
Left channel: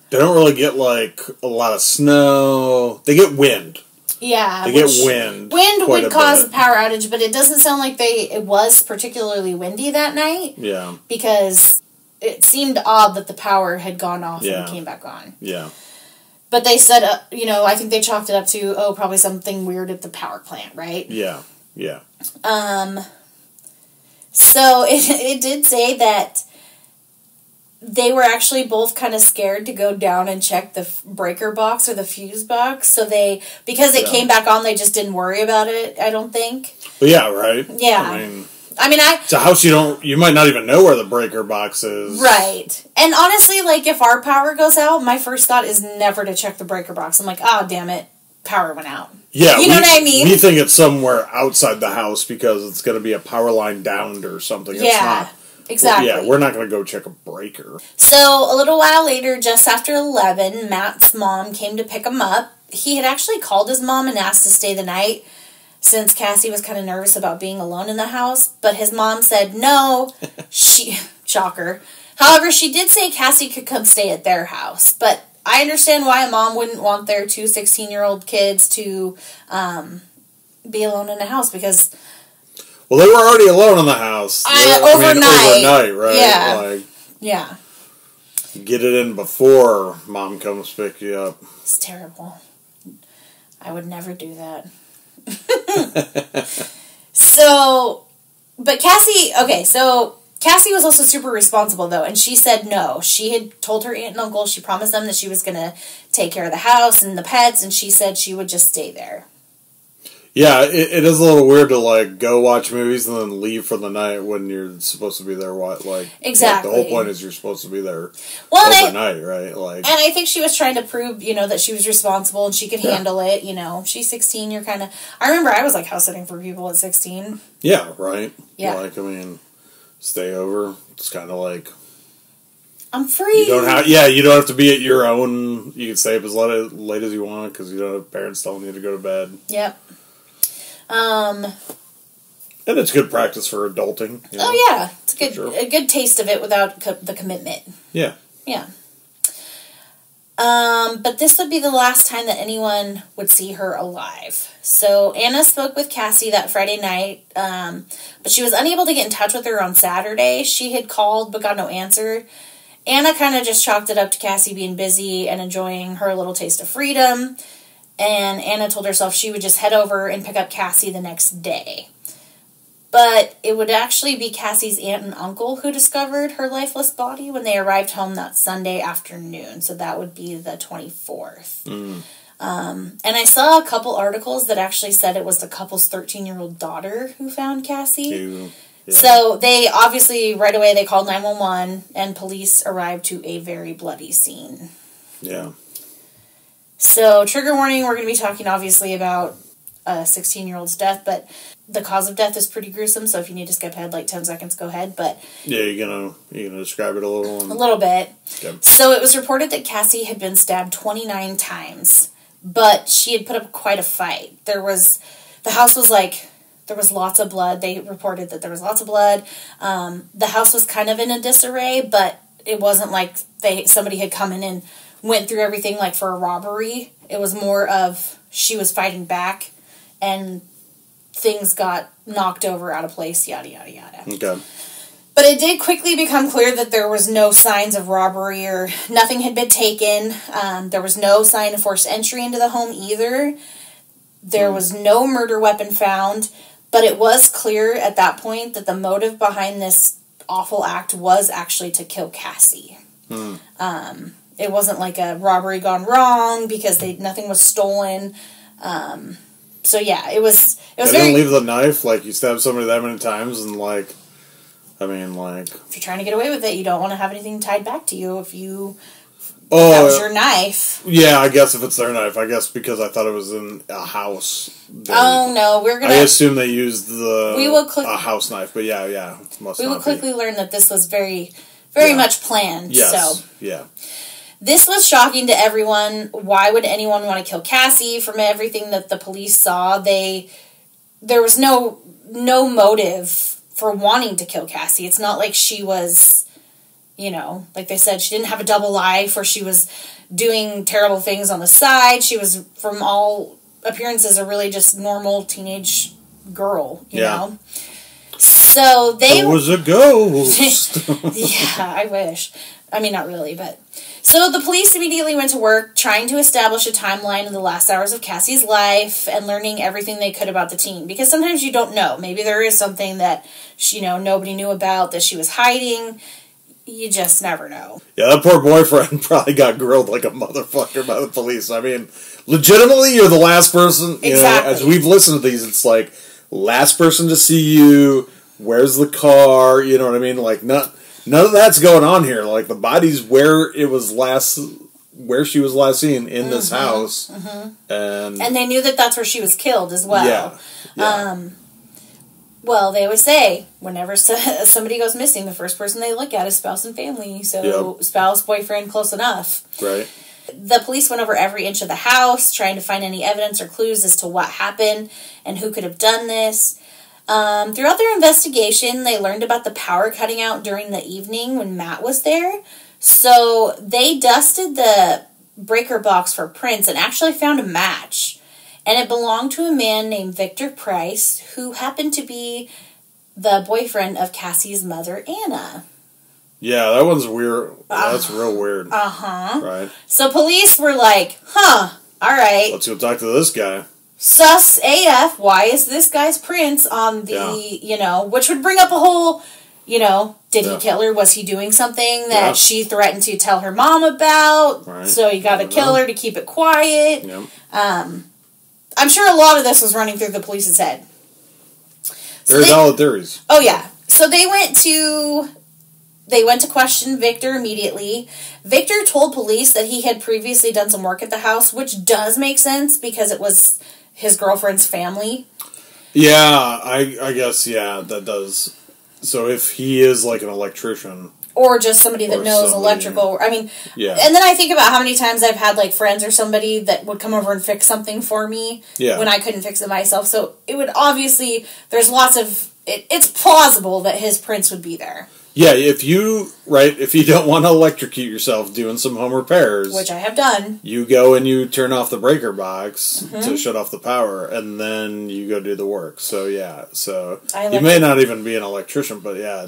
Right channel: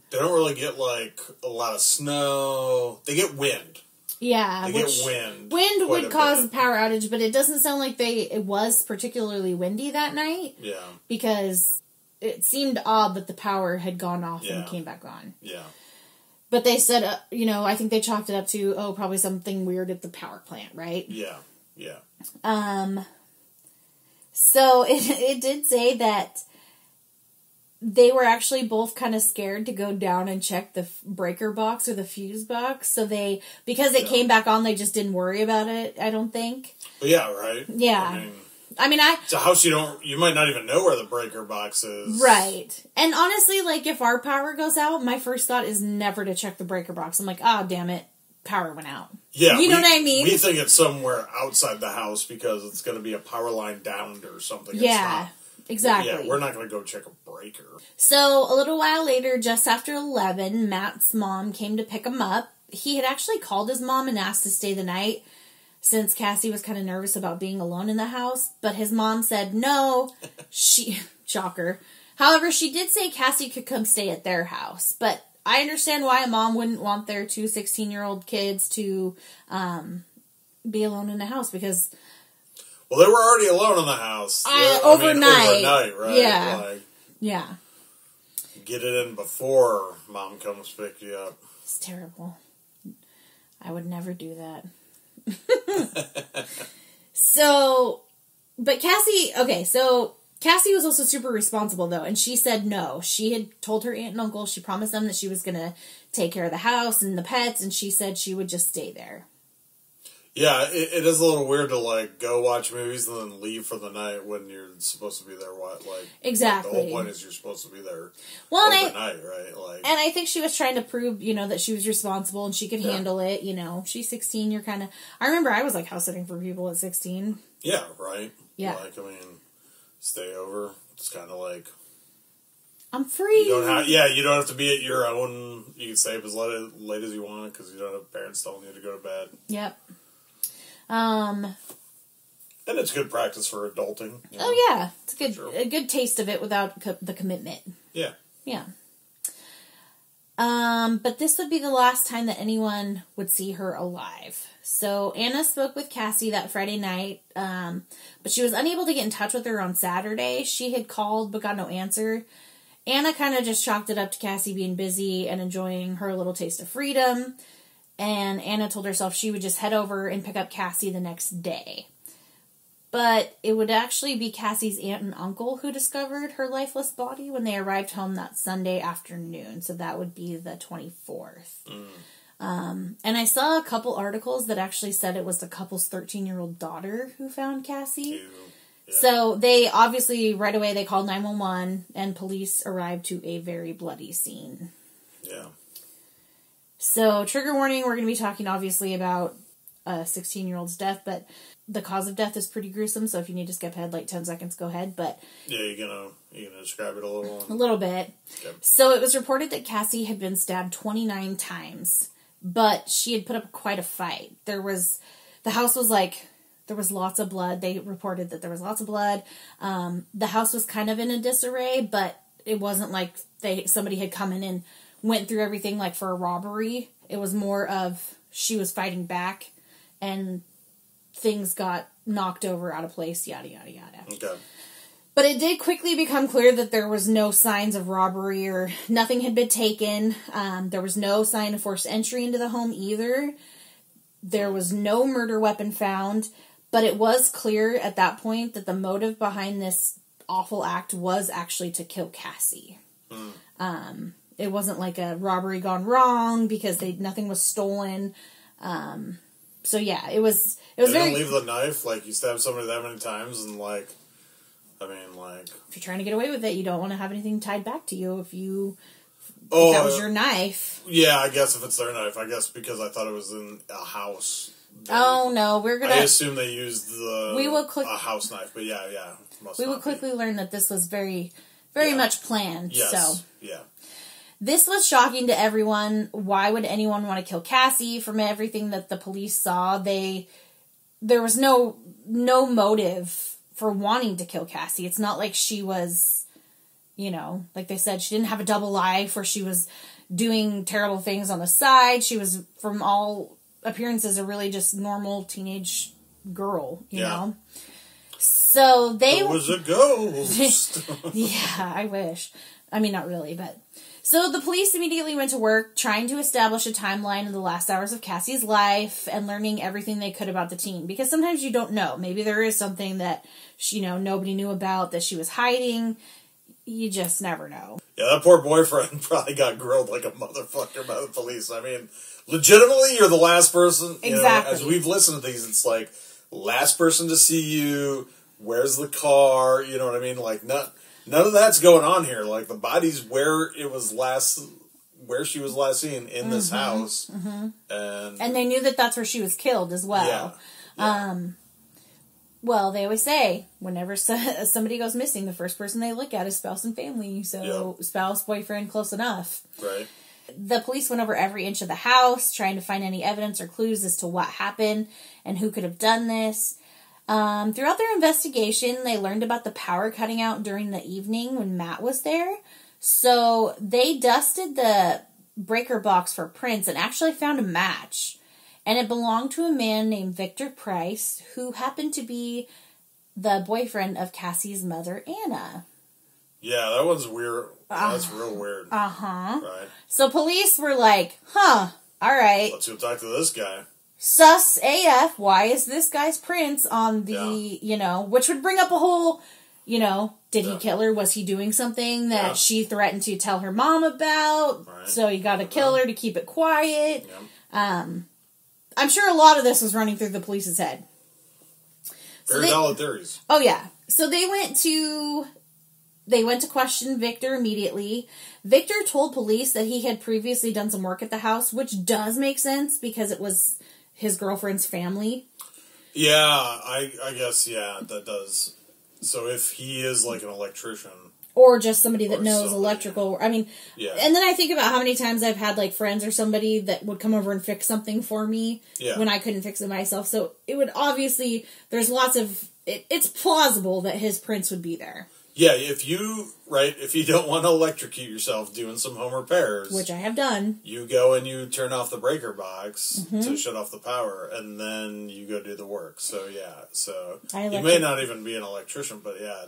really get, like, a lot of snow. They get wind. Yeah. They get wind. Wind would cause a power outage, but it doesn't sound like it was particularly windy that night. Yeah. Because... it seemed odd that the power had gone off and came back on. Yeah. But they said, I think they chalked it up to, probably something weird at the power plant, right? Yeah. Yeah. So it did say that they were actually both kind of scared to go down and check the breaker box or the fuse box. So because it came back on, they just didn't worry about it, I don't think. Well, yeah, right? Yeah. It's a house you might not even know where the breaker box is. Right. And honestly, like, if our power goes out, my first thought is never to check the breaker box. I'm like, damn it, power went out. Yeah. You know what I mean? We think it's somewhere outside the house because it's going to be a power line downed or something. Yeah, it's not. exactly. Yeah, we're not going to go check a breaker. So, a little while later, just after 11, Matt's mom came to pick him up. He had actually called his mom and asked to stay the night, since Cassie was kind of nervous about being alone in the house, but his mom said no. Shocker. However, she did say Cassie could come stay at their house, but I understand why a mom wouldn't want their two 16-year-old kids to be alone in the house, because... Well, they were already alone in the house. Overnight, right? Yeah. Yeah. Get it in before mom comes pick you up. It's terrible. I would never do that. But Cassie was also super responsible, though, and she said no. She had told her aunt and uncle, she promised them that she was going to take care of the house and the pets, and she said she would just stay there. Yeah, it is a little weird to, like, go watch movies and then leave for the night when you're supposed to be there, exactly. The whole point is you're supposed to be there overnight, right? Like, and I think she was trying to prove, that she was responsible and she could handle it, She's 16, you're kind of... I remember I was, like, house sitting for people at 16. Yeah, right? Yeah. Stay over. It's kind of like... I'm free. You don't have to be at your own... You can stay up as late as you want because you don't have parents telling you to go to bed. Yep. And it's good practice for adulting. Oh yeah, it's a good taste of it without the commitment. Yeah. Yeah. But this would be the last time that anyone would see her alive. So Anna spoke with Cassie that Friday night, but she was unable to get in touch with her on Saturday. She had called but got no answer. Anna kind of just chalked it up to Cassie being busy and enjoying her little taste of freedom. And Anna told herself she would just head over and pick up Cassie the next day. But it would actually be Cassie's aunt and uncle who discovered her lifeless body when they arrived home that Sunday afternoon. So that would be the 24th. And I saw a couple articles that actually said it was the couple's 13-year-old daughter who found Cassie. Ew. Yeah. So they obviously, right away, they called 911, and police arrived to a very bloody scene. Yeah. So, trigger warning, we're going to be talking, obviously, about a 16-year-old's death, but the cause of death is pretty gruesome, so if you need to skip ahead, like, 10 seconds, go ahead, but... Yeah, you're gonna describe it a little? A little bit. Okay. So, it was reported that Cassie had been stabbed 29 times, but she had put up quite a fight. The house was like... There was lots of blood. They reported that there was lots of blood. The house was kind of in a disarray, but it wasn't like somebody had come in and went through everything like for a robbery. It was more of she was fighting back, and things got knocked over, out of place, yada, yada, yada. Okay. But it did quickly become clear that there was no signs of robbery or nothing had been taken. There was no sign of forced entry into the home either. There was no murder weapon found. But it was clear at that point that the motive behind this awful act was actually to kill Cassie. It wasn't like a robbery gone wrong because nothing was stolen. So yeah, it was They very... didn't leave the knife, like you stabbed somebody that many times, and like, I mean, like... If you're trying to get away with it, you don't want to have anything tied back to you if you... Oh, that was your knife. Yeah, I guess if it's their knife. I guess because I thought it was in a house. Oh, no, we're going I to... assume they used a house knife, but yeah. We will quickly learn that this was very, very much planned. Yes, so. yeah. This was shocking to everyone. Why would anyone want to kill Cassie? From everything that the police saw, there was no motive for wanting to kill Cassie. It's not like she was... like they said, she didn't have a double life or she was doing terrible things on the side. She was, from all appearances, a really just normal teenage girl, you know? So they... It was a ghost! Yeah, I wish. I mean, not really, but... So the police immediately went to work trying to establish a timeline of the last hours of Cassie's life and learning everything they could about the teen. Because sometimes you don't know. Maybe there is something that, nobody knew about that she was hiding. You just never know. Yeah, that poor boyfriend probably got grilled like a motherfucker by the police. I mean, legitimately, you're the last person. Exactly. As we've listened to these, it's like, last person to see you, where's the car, you know what I mean? Like, none of that's going on here. Like, the body's where she was last seen, in this house. Mm-hmm. And they knew that that's where she was killed as well. Yeah. Well, they always say, whenever somebody goes missing, the first person they look at is spouse and family. So, spouse, boyfriend, close enough. Right. The police went over every inch of the house, trying to find any evidence or clues as to what happened and who could have done this. Throughout their investigation, they learned about the power cutting out during the evening when Matt was there. So, they dusted the breaker box for prints and actually found a match. And it belonged to a man named Victor Price, who happened to be the boyfriend of Cassie's mother, Anna. Yeah, that one's weird. That's real weird. Uh-huh. Right. So police were like, all right. Let's go talk to this guy. Sus AF, why is this guy's prints on the, which would bring up a whole, did he kill her? Was he doing something that she threatened to tell her mom about? Right. So you got to kill her to keep it quiet. Yep. I'm sure a lot of this was running through the police's head. Very valid theories. Oh, yeah. So they went to question Victor immediately. Victor told police that he had previously done some work at the house, which does make sense because it was his girlfriend's family. Yeah, I guess, that does. So if he is like an electrician... Or just somebody that knows electrical. I mean, yeah. And then I think about how many times I've had, like, friends or somebody that would come over and fix something for me when I couldn't fix it myself. So it would obviously, there's lots of, it's plausible that his prints would be there. Yeah, if you don't want to electrocute yourself doing some home repairs. Which I have done. You go and you turn off the breaker box to shut off the power, and then you go do the work. So, yeah. So, you may not even be an electrician, but yeah,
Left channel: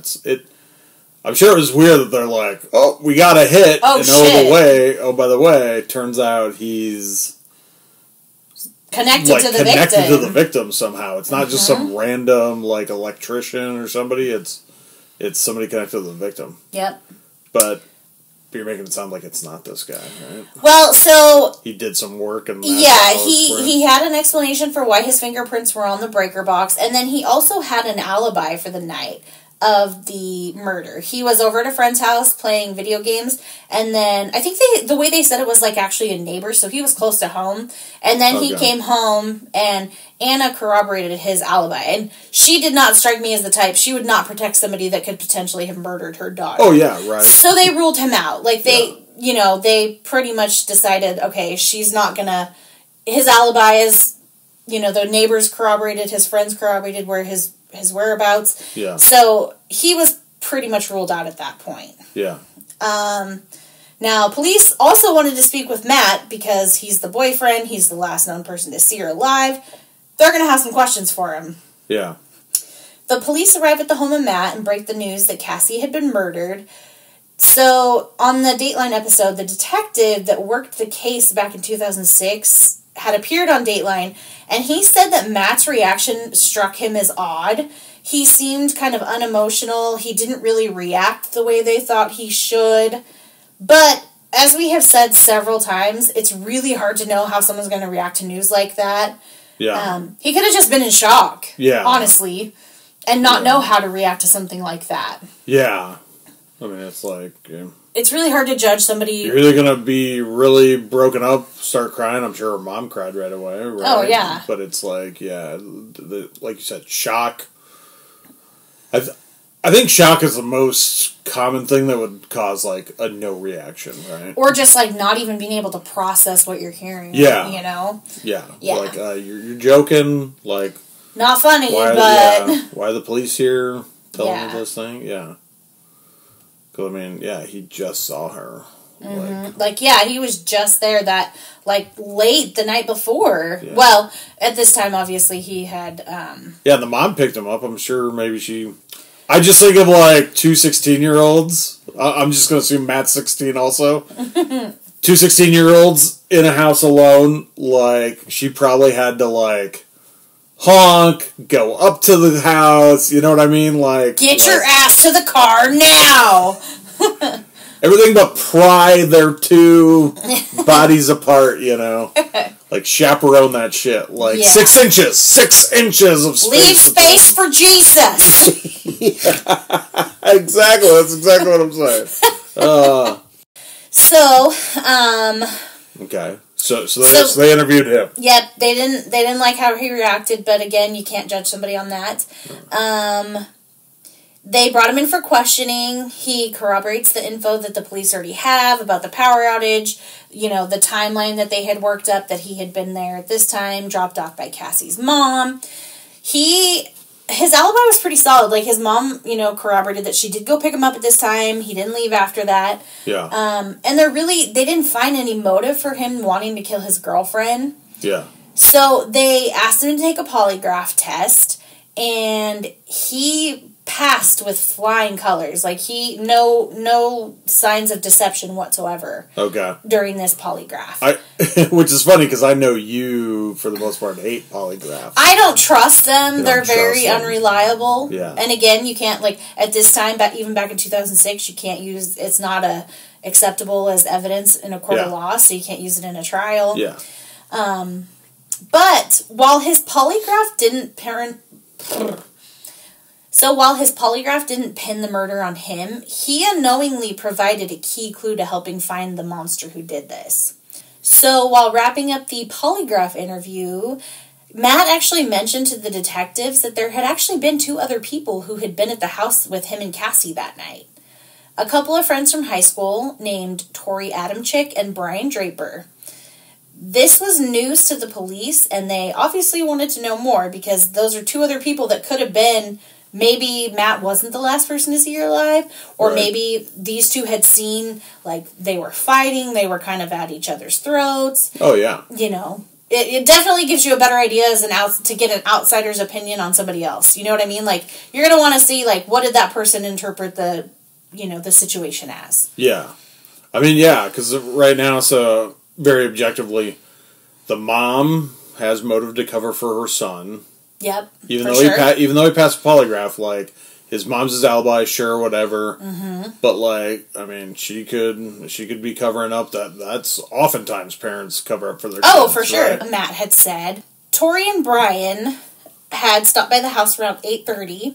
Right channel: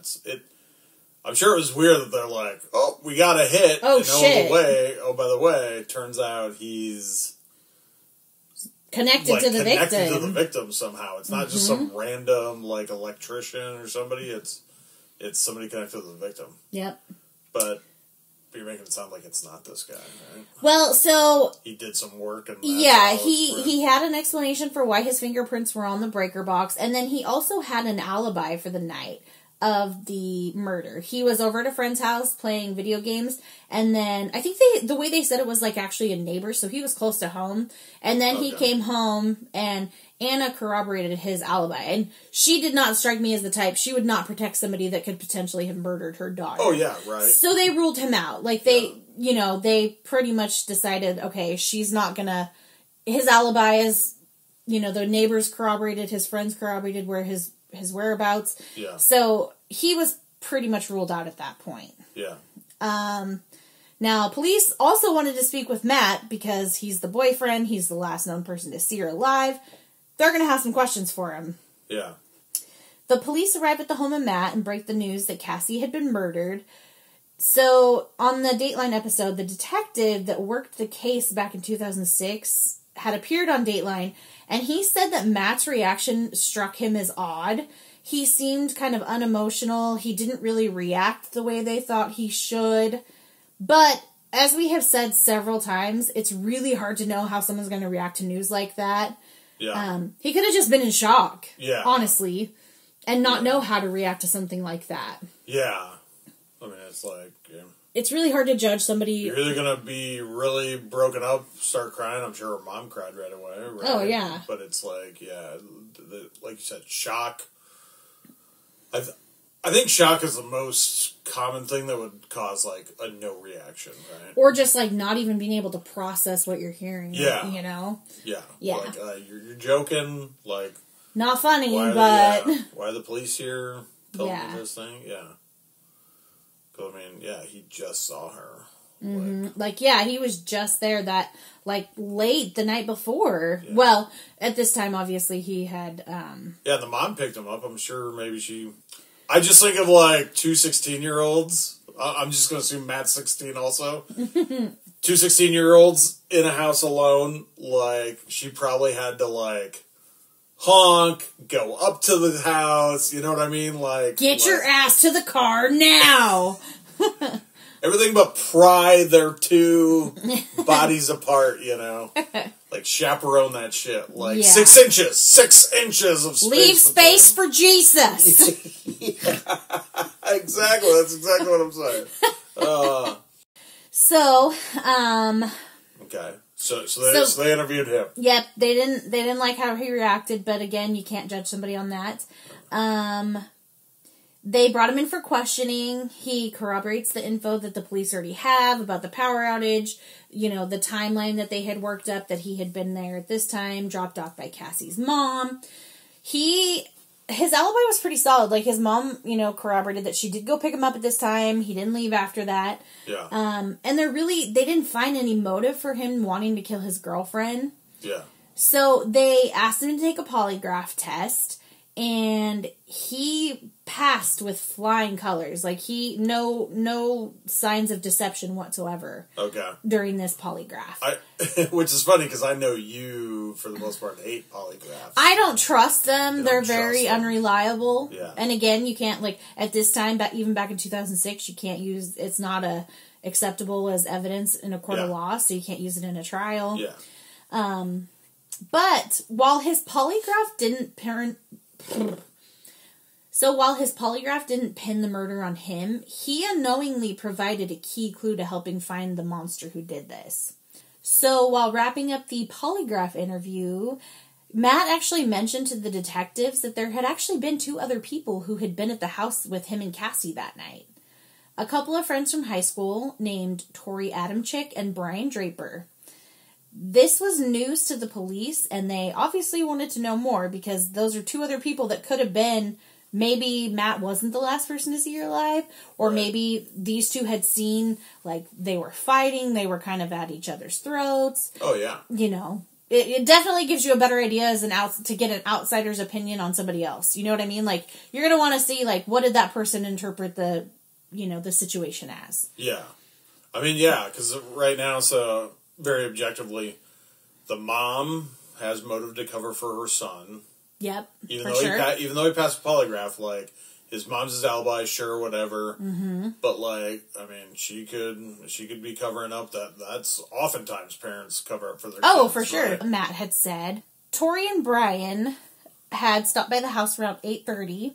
I'm sure it was weird that they're like, oh, we got a hit, and shit. by the way, turns out he's connected to the connected victim. to the victim somehow. It's not just some random like electrician or somebody. It's somebody connected to the victim. Yep. But you're making it sound like it's not this guy, right? Well, so he did some work and he had an explanation for why his fingerprints were on the breaker box, and then he also had an alibi for the night of the murder. He was over at a friend's house playing video games, and then I think the way they said it was like actually a neighbor, so he was close to home, and then he came home, and Anna corroborated his alibi, and she did not strike me as the type. She would not protect somebody that could potentially have murdered her daughter. Oh yeah, right. So they ruled him out. Like they pretty much decided, okay, she's not gonna. His alibi is, the neighbors corroborated, his friends corroborated where his whereabouts. Yeah. So he was pretty much ruled out at that point. Yeah. Now, police also wanted to speak with Matt because he's the boyfriend. He's the last known person to see her alive. They're going to have some questions for him. Yeah. The police arrive at the home of Matt and break the news that Cassie had been murdered. So, on the Dateline episode, the detective that worked the case back in 2006 had appeared on Dateline, and he said that Matt's reaction struck him as odd. He seemed kind of unemotional. He didn't really react the way they thought he should. But, as we have said several times, it's really hard to know how someone's going to react to news like that. Yeah. He could have just been in shock. Yeah. Honestly. And not know how to react to something like that. Yeah. I mean, it's like... It's really hard to judge somebody... You're either going to be really broken up, start crying. I'm sure her mom cried right away, right? Oh, yeah. But it's like, like you said, shock. I think shock is the most common thing that would cause, like, a no reaction, right? Or just, like, not even being able to process what you're hearing. Yeah. Yeah. Like, you're joking, like... Not funny, but... why are the police here telling me this thing? Yeah. Because, I mean, he just saw her. Mm-hmm. He was just there that, late the night before. Yeah. Well, at this time, obviously, he had, Yeah, the mom picked him up. I'm sure maybe she... I just think of, two 16-year-olds. I'm just going to assume Matt's 16 also. Two 16-year-olds in a house alone. She probably had to, honk, go up to the house, you know what I mean? Get your ass to the car now! Everything but pry their two bodies apart, chaperone that shit. 6 inches! 6 inches of space! Leave space for Jesus! Exactly, that's exactly what I'm saying. Okay. So they interviewed him. Yep, they didn't like how he reacted, but again, you can't judge somebody on that. They brought him in for questioning. He corroborates the info that the police already have about the power outage, the timeline that they had worked up, that he had been there at this time, dropped off by Cassie's mom. His alibi was pretty solid. His mom, corroborated that she did go pick him up at this time. He didn't leave after that. Yeah. And they didn't find any motive for him wanting to kill his girlfriend. Yeah. So they asked him to take a polygraph test, and he passed with flying colors. No signs of deception whatsoever. Okay. During this polygraph. Which is funny because I know you, for the most part, hate polygraphs. I don't trust them. They're very unreliable. Yeah. And again, you can't, at this time, even back in 2006, you can't use, it's not acceptable as evidence in a court of law, so you can't use it in a trial. Yeah. But while his polygraph didn't pin the murder on him, he unknowingly provided a key clue to helping find the monster who did this. So while wrapping up the polygraph interview, Matt actually mentioned to the detectives that there had actually been 2 other people who had been at the house with him and Cassie that night. A couple of friends from high school named Tori Adamczyk and Brian Draper. This was news to the police, and they obviously wanted to know more because those are 2 other people that could have been... Maybe Matt wasn't the last person to see her alive, or maybe these 2 had seen, they were fighting, they were kind of at each other's throats. Oh, yeah. It definitely gives you a better idea to get an outsider's opinion on somebody else. You know what I mean? You're going to want to see, what did that person interpret the situation as? Yeah. I mean, yeah, because right now, so very objectively, the mom has motive to cover for her son. Yep. Even though he passed a polygraph, like, his mom's his alibi, sure, whatever. Mm-hmm. But, like, I mean, she could be covering up that's oftentimes parents cover up for their kids. Oh, for sure. Right? Matt had said Tori and Brian had stopped by the house around 8:30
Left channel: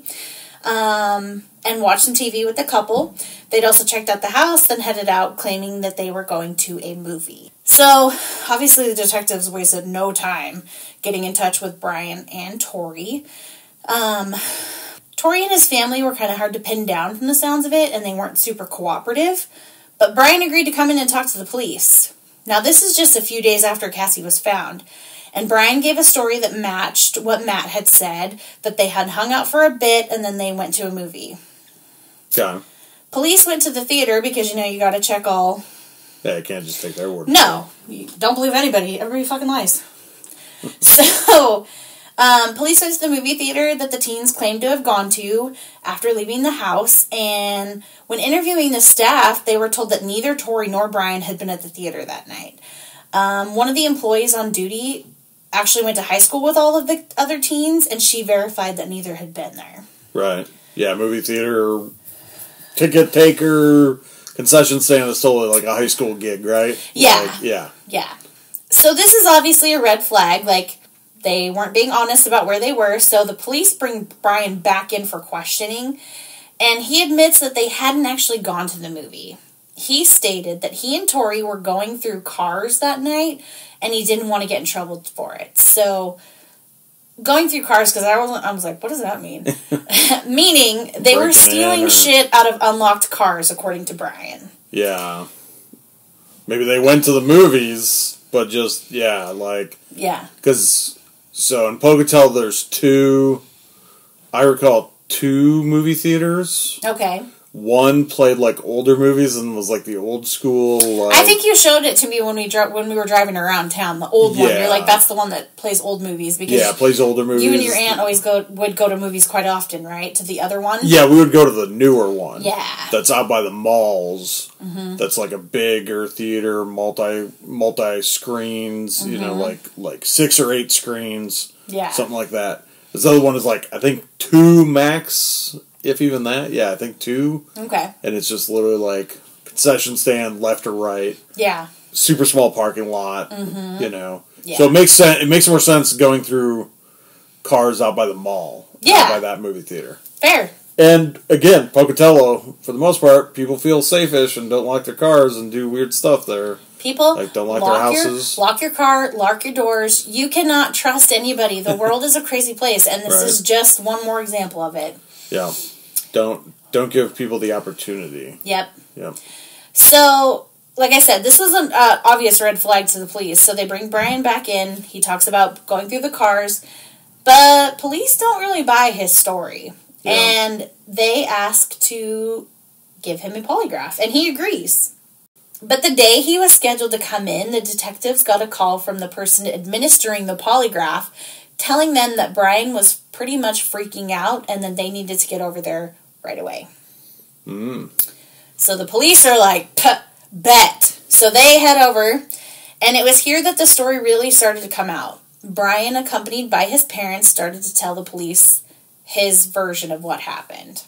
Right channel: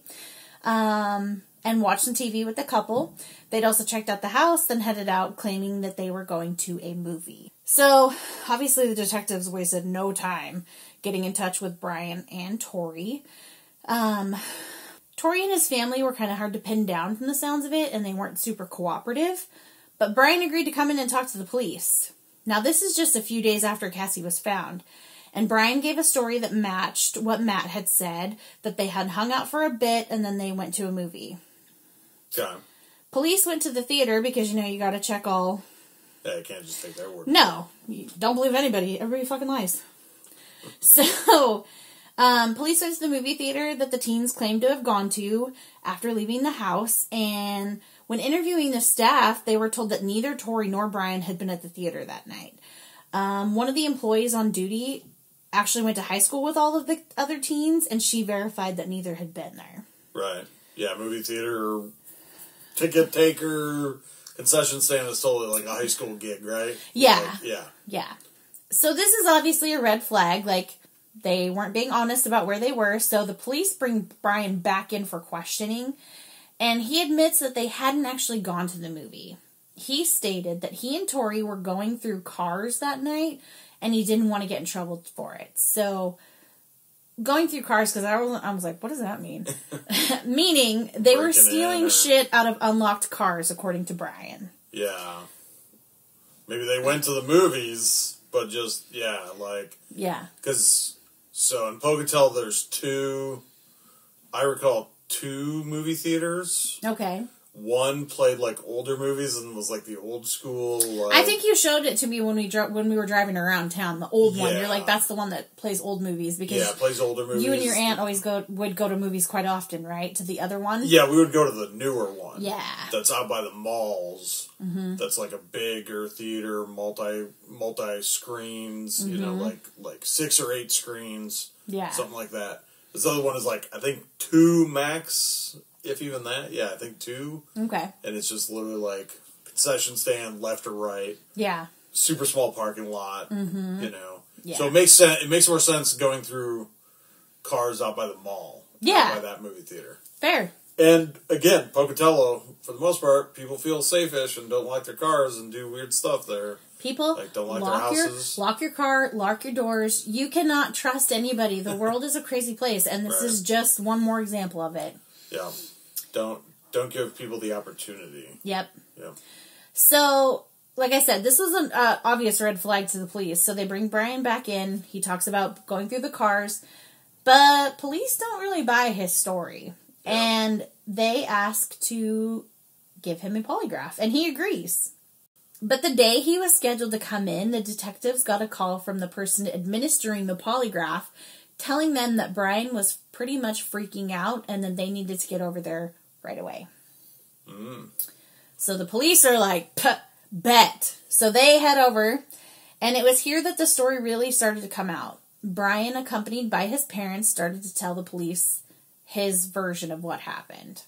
and watched some TV with the couple. They'd also checked out the house, then headed out, claiming that they were going to a movie. So, obviously, the detectives wasted no time getting in touch with Brian and Tori. Tori and his family were kind of hard to pin down from the sounds of it, and they weren't super cooperative. But Brian agreed to come in and talk to the police. Now, this is just a few days after Cassie was found. And Brian gave a story that matched what Matt had said, that they had hung out for a bit, and then they went to a movie. Okay. Police went to the theater because, you gotta check all... Yeah, you can't just take their word. No. You don't believe anybody. Everybody fucking lies. So... police went to the movie theater that the teens claimed to have gone to after leaving the house, and when interviewing the staff, they were told that neither Tori nor Brian had been at the theater that night. One of the employees on duty actually went to high school with all of the other teens, and she verified that neither had been there. Right. Yeah, movie theater, ticket taker, concession stand is totally like a high school gig, right? Yeah. Yeah. So this is obviously a red flag, like... They weren't being honest about where they were, so the police bring Brian back in for questioning, and he admits that they hadn't actually gone to the movie. He stated that he and Tori were going through cars that night, and he didn't want to get in trouble for it. So, going through cars, because I was like, what does that mean? Meaning, they were stealing shit out of unlocked cars, according to Brian. Yeah. Maybe they went to the movies, but just, yeah. Because... So in Pocatello, there's two movie theaters. Okay. One played like older movies and was like the old school. I think you showed it to me when we were driving around town. The old one. You're like, that's the one that plays old movies because it plays older movies. You and your aunt always would go to movies quite often, right? To the other one. Yeah, we would go to the newer one. Yeah. That's out by the malls. Mm-hmm. That's like a bigger theater, multi screens. Mm-hmm. Like 6 or 8 screens. Yeah. Something like that. This other one is like I think 2 max. If even that, yeah, I think 2. Okay. And it's just literally like concession stand left or right. Yeah. Super small parking lot. Mm-hmm. Yeah. So it makes sense. It makes more sense going through cars out by the mall. Yeah. Out by that movie theater. Fair. And again, Pocatello, for the most part, people feel safe-ish and don't lock their cars and do weird stuff there. People don't lock their houses. Lock your car, lock your doors. You cannot trust anybody. The world is a crazy place, and this is just one more example of it. Yeah. Don't give people the opportunity. Yep. Yep. So, like I said, this was an obvious red flag to the police. So they bring Brian back in. He talks about going through the cars. But police don't really buy his story. Yeah. And they ask to give him a polygraph. And he agrees. But the day he was scheduled to come in, the detectives got a call from the person administering the polygraph telling them that Brian was pretty much freaking out and that they needed to get over there right away. Mm. So the police are like, bet. So they head over, and it was here that the story really started to come out. Brian, accompanied by his parents, started to tell the police his version of what happened.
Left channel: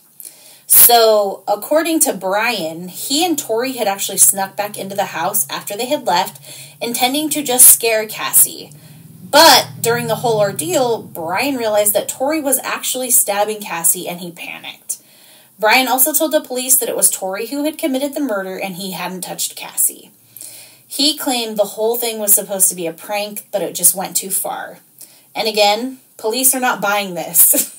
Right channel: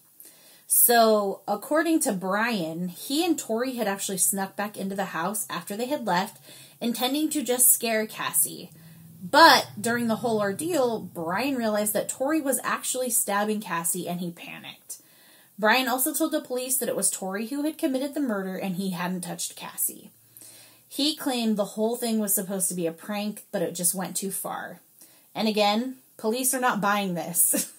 So, according to Brian, he and Tori had actually snuck back into the house after they had left, intending to just scare Cassie. But during the whole ordeal, Brian realized that Tori was actually stabbing Cassie, and he panicked. Brian also told the police that it was Tori who had committed the murder and he hadn't touched Cassie. He claimed the whole thing was supposed to be a prank, but it just went too far. And again, police are not buying this.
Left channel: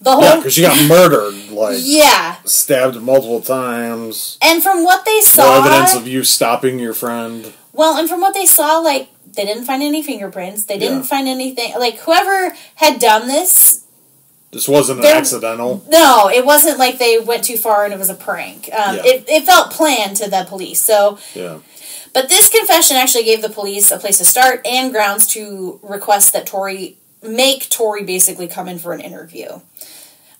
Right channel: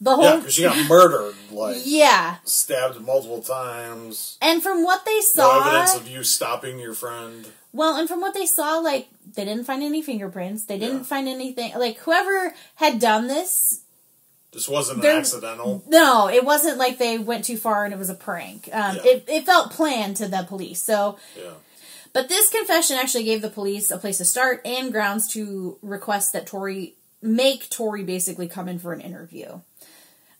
Because she got murdered, yeah, stabbed multiple times. And from what they saw... No evidence of you stopping your friend. Well, and from what they saw, they didn't find any fingerprints. They didn't find anything... whoever had done this... This wasn't accidental. No, it wasn't like they went too far and it was a prank. It felt planned to the police, so... Yeah. But this confession actually gave the police a place to start and grounds to request that make Tori basically come in for an interview.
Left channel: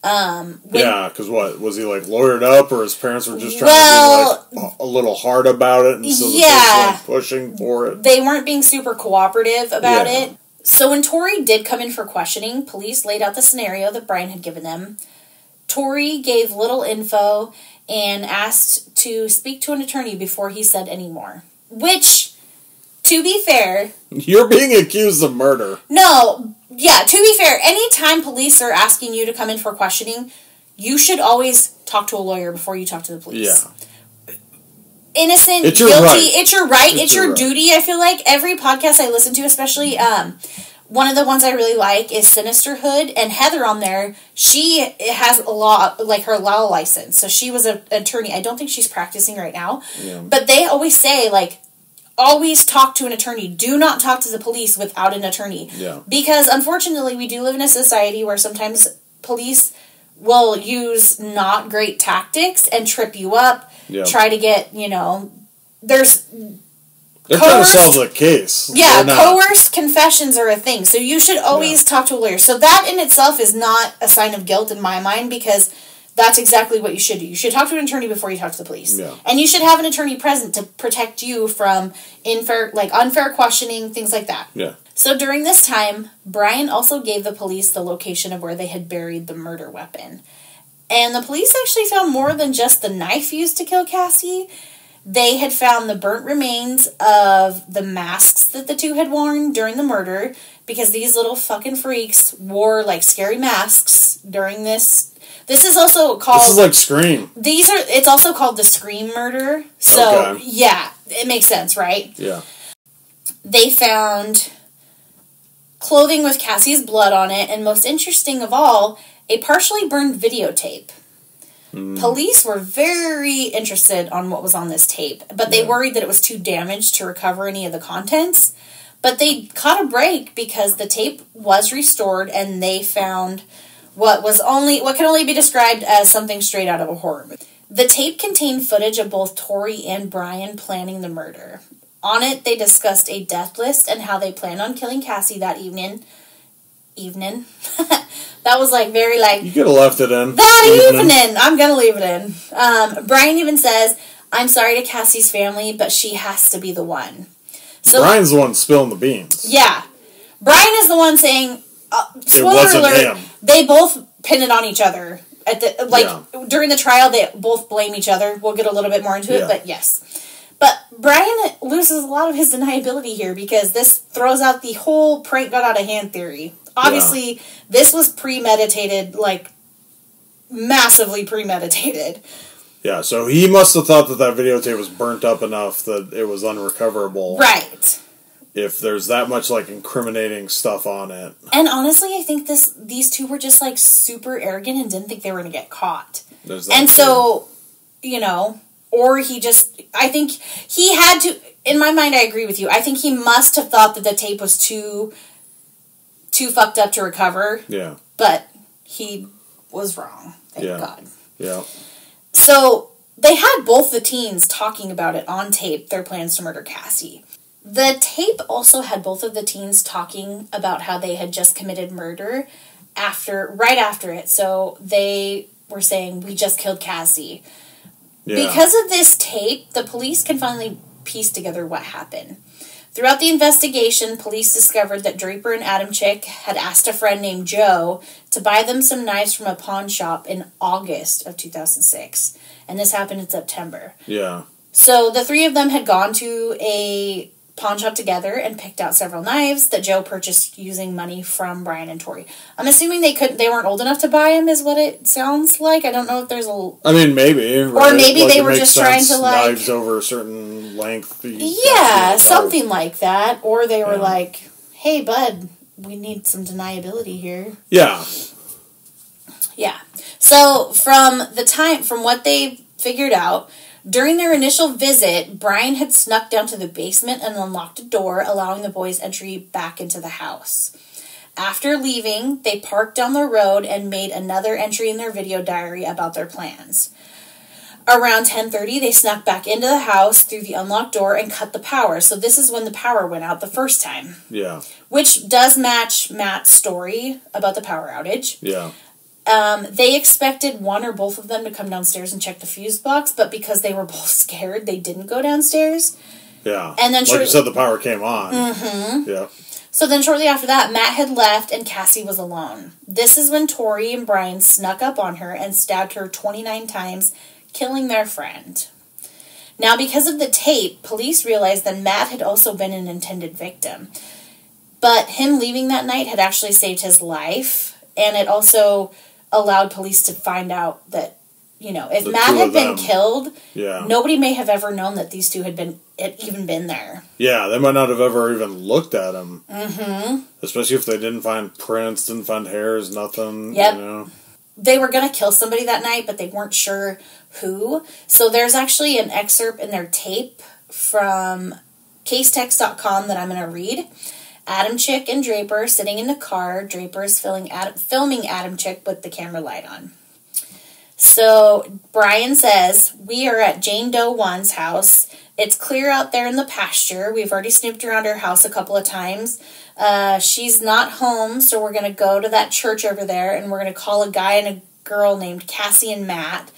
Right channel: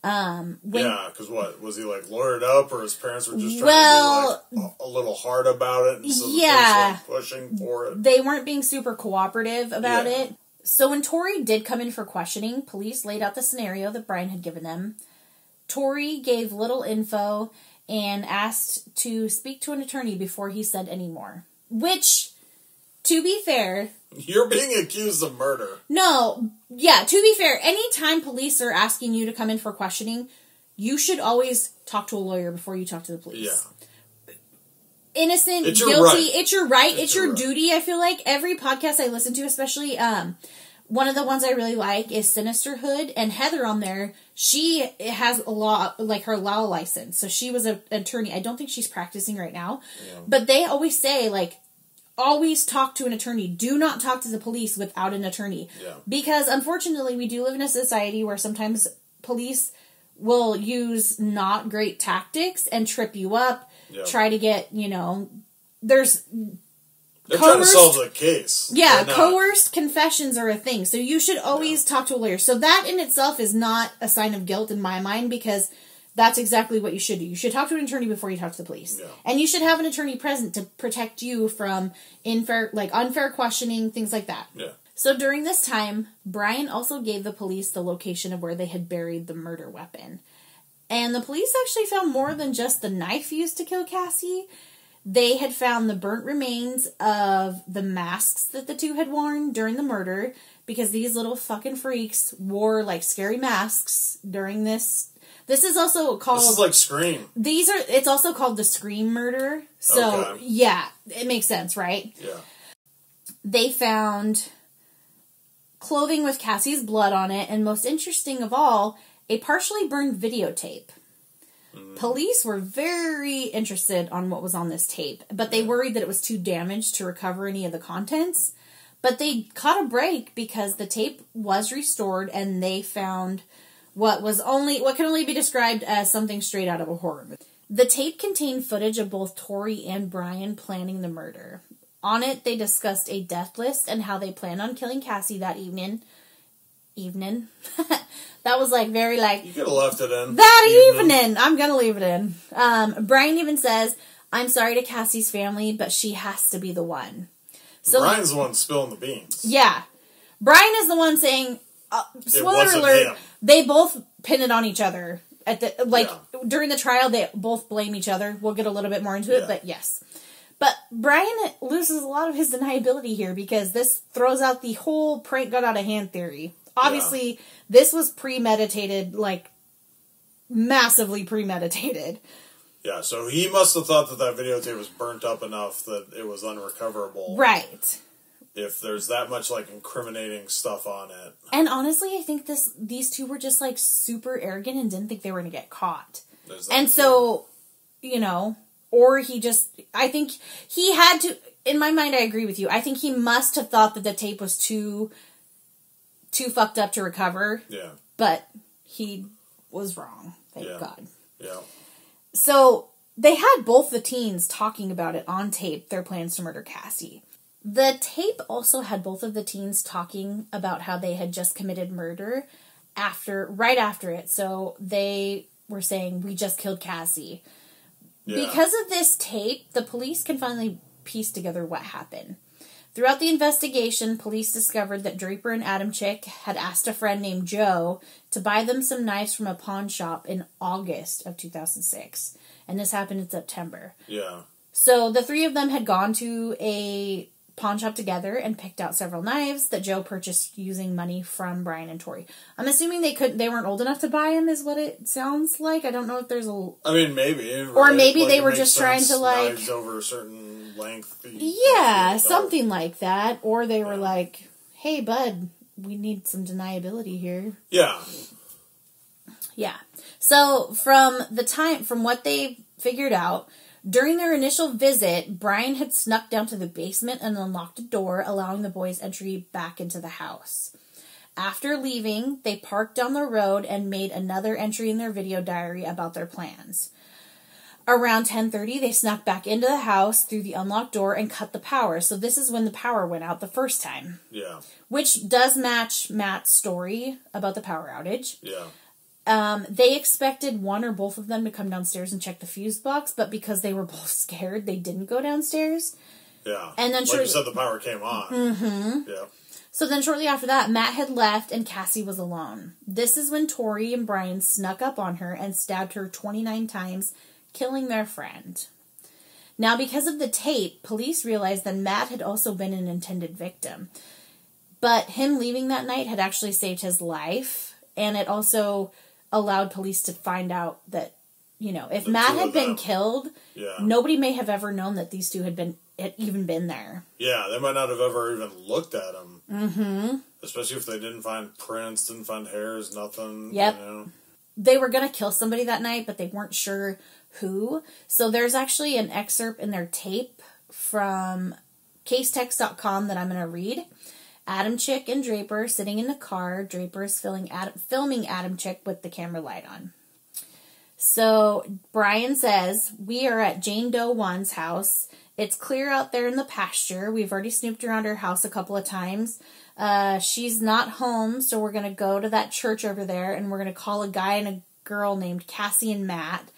Because what? Was he, lawyered up, or his parents were just trying to be, a little hard about it, and so the police were, pushing for it? They weren't being super cooperative about it. So when Tori did come in for questioning, police laid out the scenario that Brian had given them. Tori gave little info and asked to speak to an attorney before he said any more. Which, to be fair... You're being accused of murder. No, yeah, to be fair, anytime police are asking you to come in for questioning, you should always talk to a lawyer before you talk to the police. Yeah. Innocent, it's your guilty, right. It's your right, it's your duty, I feel like. Every podcast I listen to, especially... one of the ones I really like is Sinisterhood, and Heather on there, she has a law, like her law license, so she was an attorney. I don't think she's practicing right now, but they always say, like, always talk to an attorney. Do not talk to the police without an attorney. Yeah. Because, unfortunately, we do live in a society where sometimes police will use not great tactics and trip you up, try to get, They're trying to solve the case. Yeah, coerced confessions are a thing. So you should always talk to a lawyer. So that in itself is not a sign of guilt in my mind, because that's exactly what you should do. You should talk to an attorney before you talk to the police. Yeah. And you should have an attorney present to protect you from unfair questioning, things like that. Yeah. So during this time, Brian also gave the police the location of where they had buried the murder weapon. And the police actually found more than just the knife used to kill Cassie. They had found the burnt remains of the masks that the two had worn during the murder, because these little fucking freaks wore, like, scary masks during this. This is also called... This is like Scream. It's also called the Scream murder. So, yeah, it makes sense, right? Yeah. They found clothing with Cassie's blood on it, and most interesting of all, a partially burned videotape. Police were very interested on what was on this tape, but they worried that it was too damaged to recover any of the contents. But they caught a break because the tape was restored, and they found what can only be described as something straight out of a horror movie. The tape contained footage of both Tori and Brian planning the murder. On it, they discussed a death list and how they planned on killing Cassie that evening. That was very You could have left it in. That evening. I'm going to leave it in. Brian even says, "I'm sorry to Cassie's family, but she has to be the one." So Brian's the one spilling the beans. Yeah. Brian is the one saying, spoiler alert, him. They both pin it on each other. During the trial, they both blame each other. We'll get a little bit more into it, but yes. But Brian loses a lot of his deniability here, because this throws out the whole prank got out of hand theory. Obviously, this was premeditated, massively premeditated. Yeah, so he must have thought that videotape was burnt up enough that it was unrecoverable. Right. If there's that much, incriminating stuff on it. And honestly, I think these two were just, super arrogant and didn't think they were going to get caught. So, or I think he had to, in my mind, I agree with you. I think he must have thought that the tape was too fucked up to recover. Yeah. But he was wrong. Thank God. Yeah. So, they had both the teens talking about it on tape, their plans to murder Cassie. The tape also had both of the teens talking about how they had just committed murder right after it. So, they were saying, "We just killed Cassie." Yeah. Because of this tape, the police can finally piece together what happened. Throughout the investigation, police discovered that Draper and Adamczyk had asked a friend named Joe to buy them some knives from a pawn shop in August of 2006. And this happened in September. Yeah. So the three of them had gone to a pawn shop together and picked out several knives that Joe purchased using money from Brian and Tori. I'm assuming they weren't old enough to buy them, is what it sounds like. I don't know if there's a... I mean, maybe. Right? Or maybe they were just trying to, knives over a certain length. Yeah, something like that. Or they were like, "Hey, bud, we need some deniability here." Yeah. Yeah. So, from what they figured out, during their initial visit, Brian had snuck down to the basement and unlocked a door, allowing the boys entry back into the house. After leaving, they parked down the road and made another entry in their video diary about their plans. Around 10:30, they snuck back into the house through the unlocked door and cut the power. So this is when the power went out the first time. Yeah. Which does match Matt's story about the power outage. Yeah. They expected one or both of them to come downstairs and check the fuse box, but because they were both scared, they didn't go downstairs. Yeah. And then you said, the power came on. Mm-hmm. Yeah. So then shortly after that, Matt had left and Cassie was alone. This is when Tori and Brian snuck up on her and stabbed her 29 times, killing their friend. Now, because of the tape, police realized that Matt had also been an intended victim. But him leaving that night had actually saved his life, and it also allowed police to find out that, you know, if Matt had been killed, nobody may have ever known that these two had even been there. Yeah, they might not have ever even looked at him. Mm-hmm. Especially if they didn't find prints, didn't find hairs, nothing. Yep. You know. They were going to kill somebody that night, but they weren't sure who. So there's actually an excerpt in their tape from casetext.com that I'm going to read. Adam Chick and Draper sitting in the car. Draper is filming Adam Chick with the camera light on. So Brian says, "We are at Jane Doe 1's house. It's clear out there in the pasture. We've already snooped around her house a couple of times. She's not home, so we're going to go to that church over there, and we're going to call a guy and a girl named Cassie and Matt.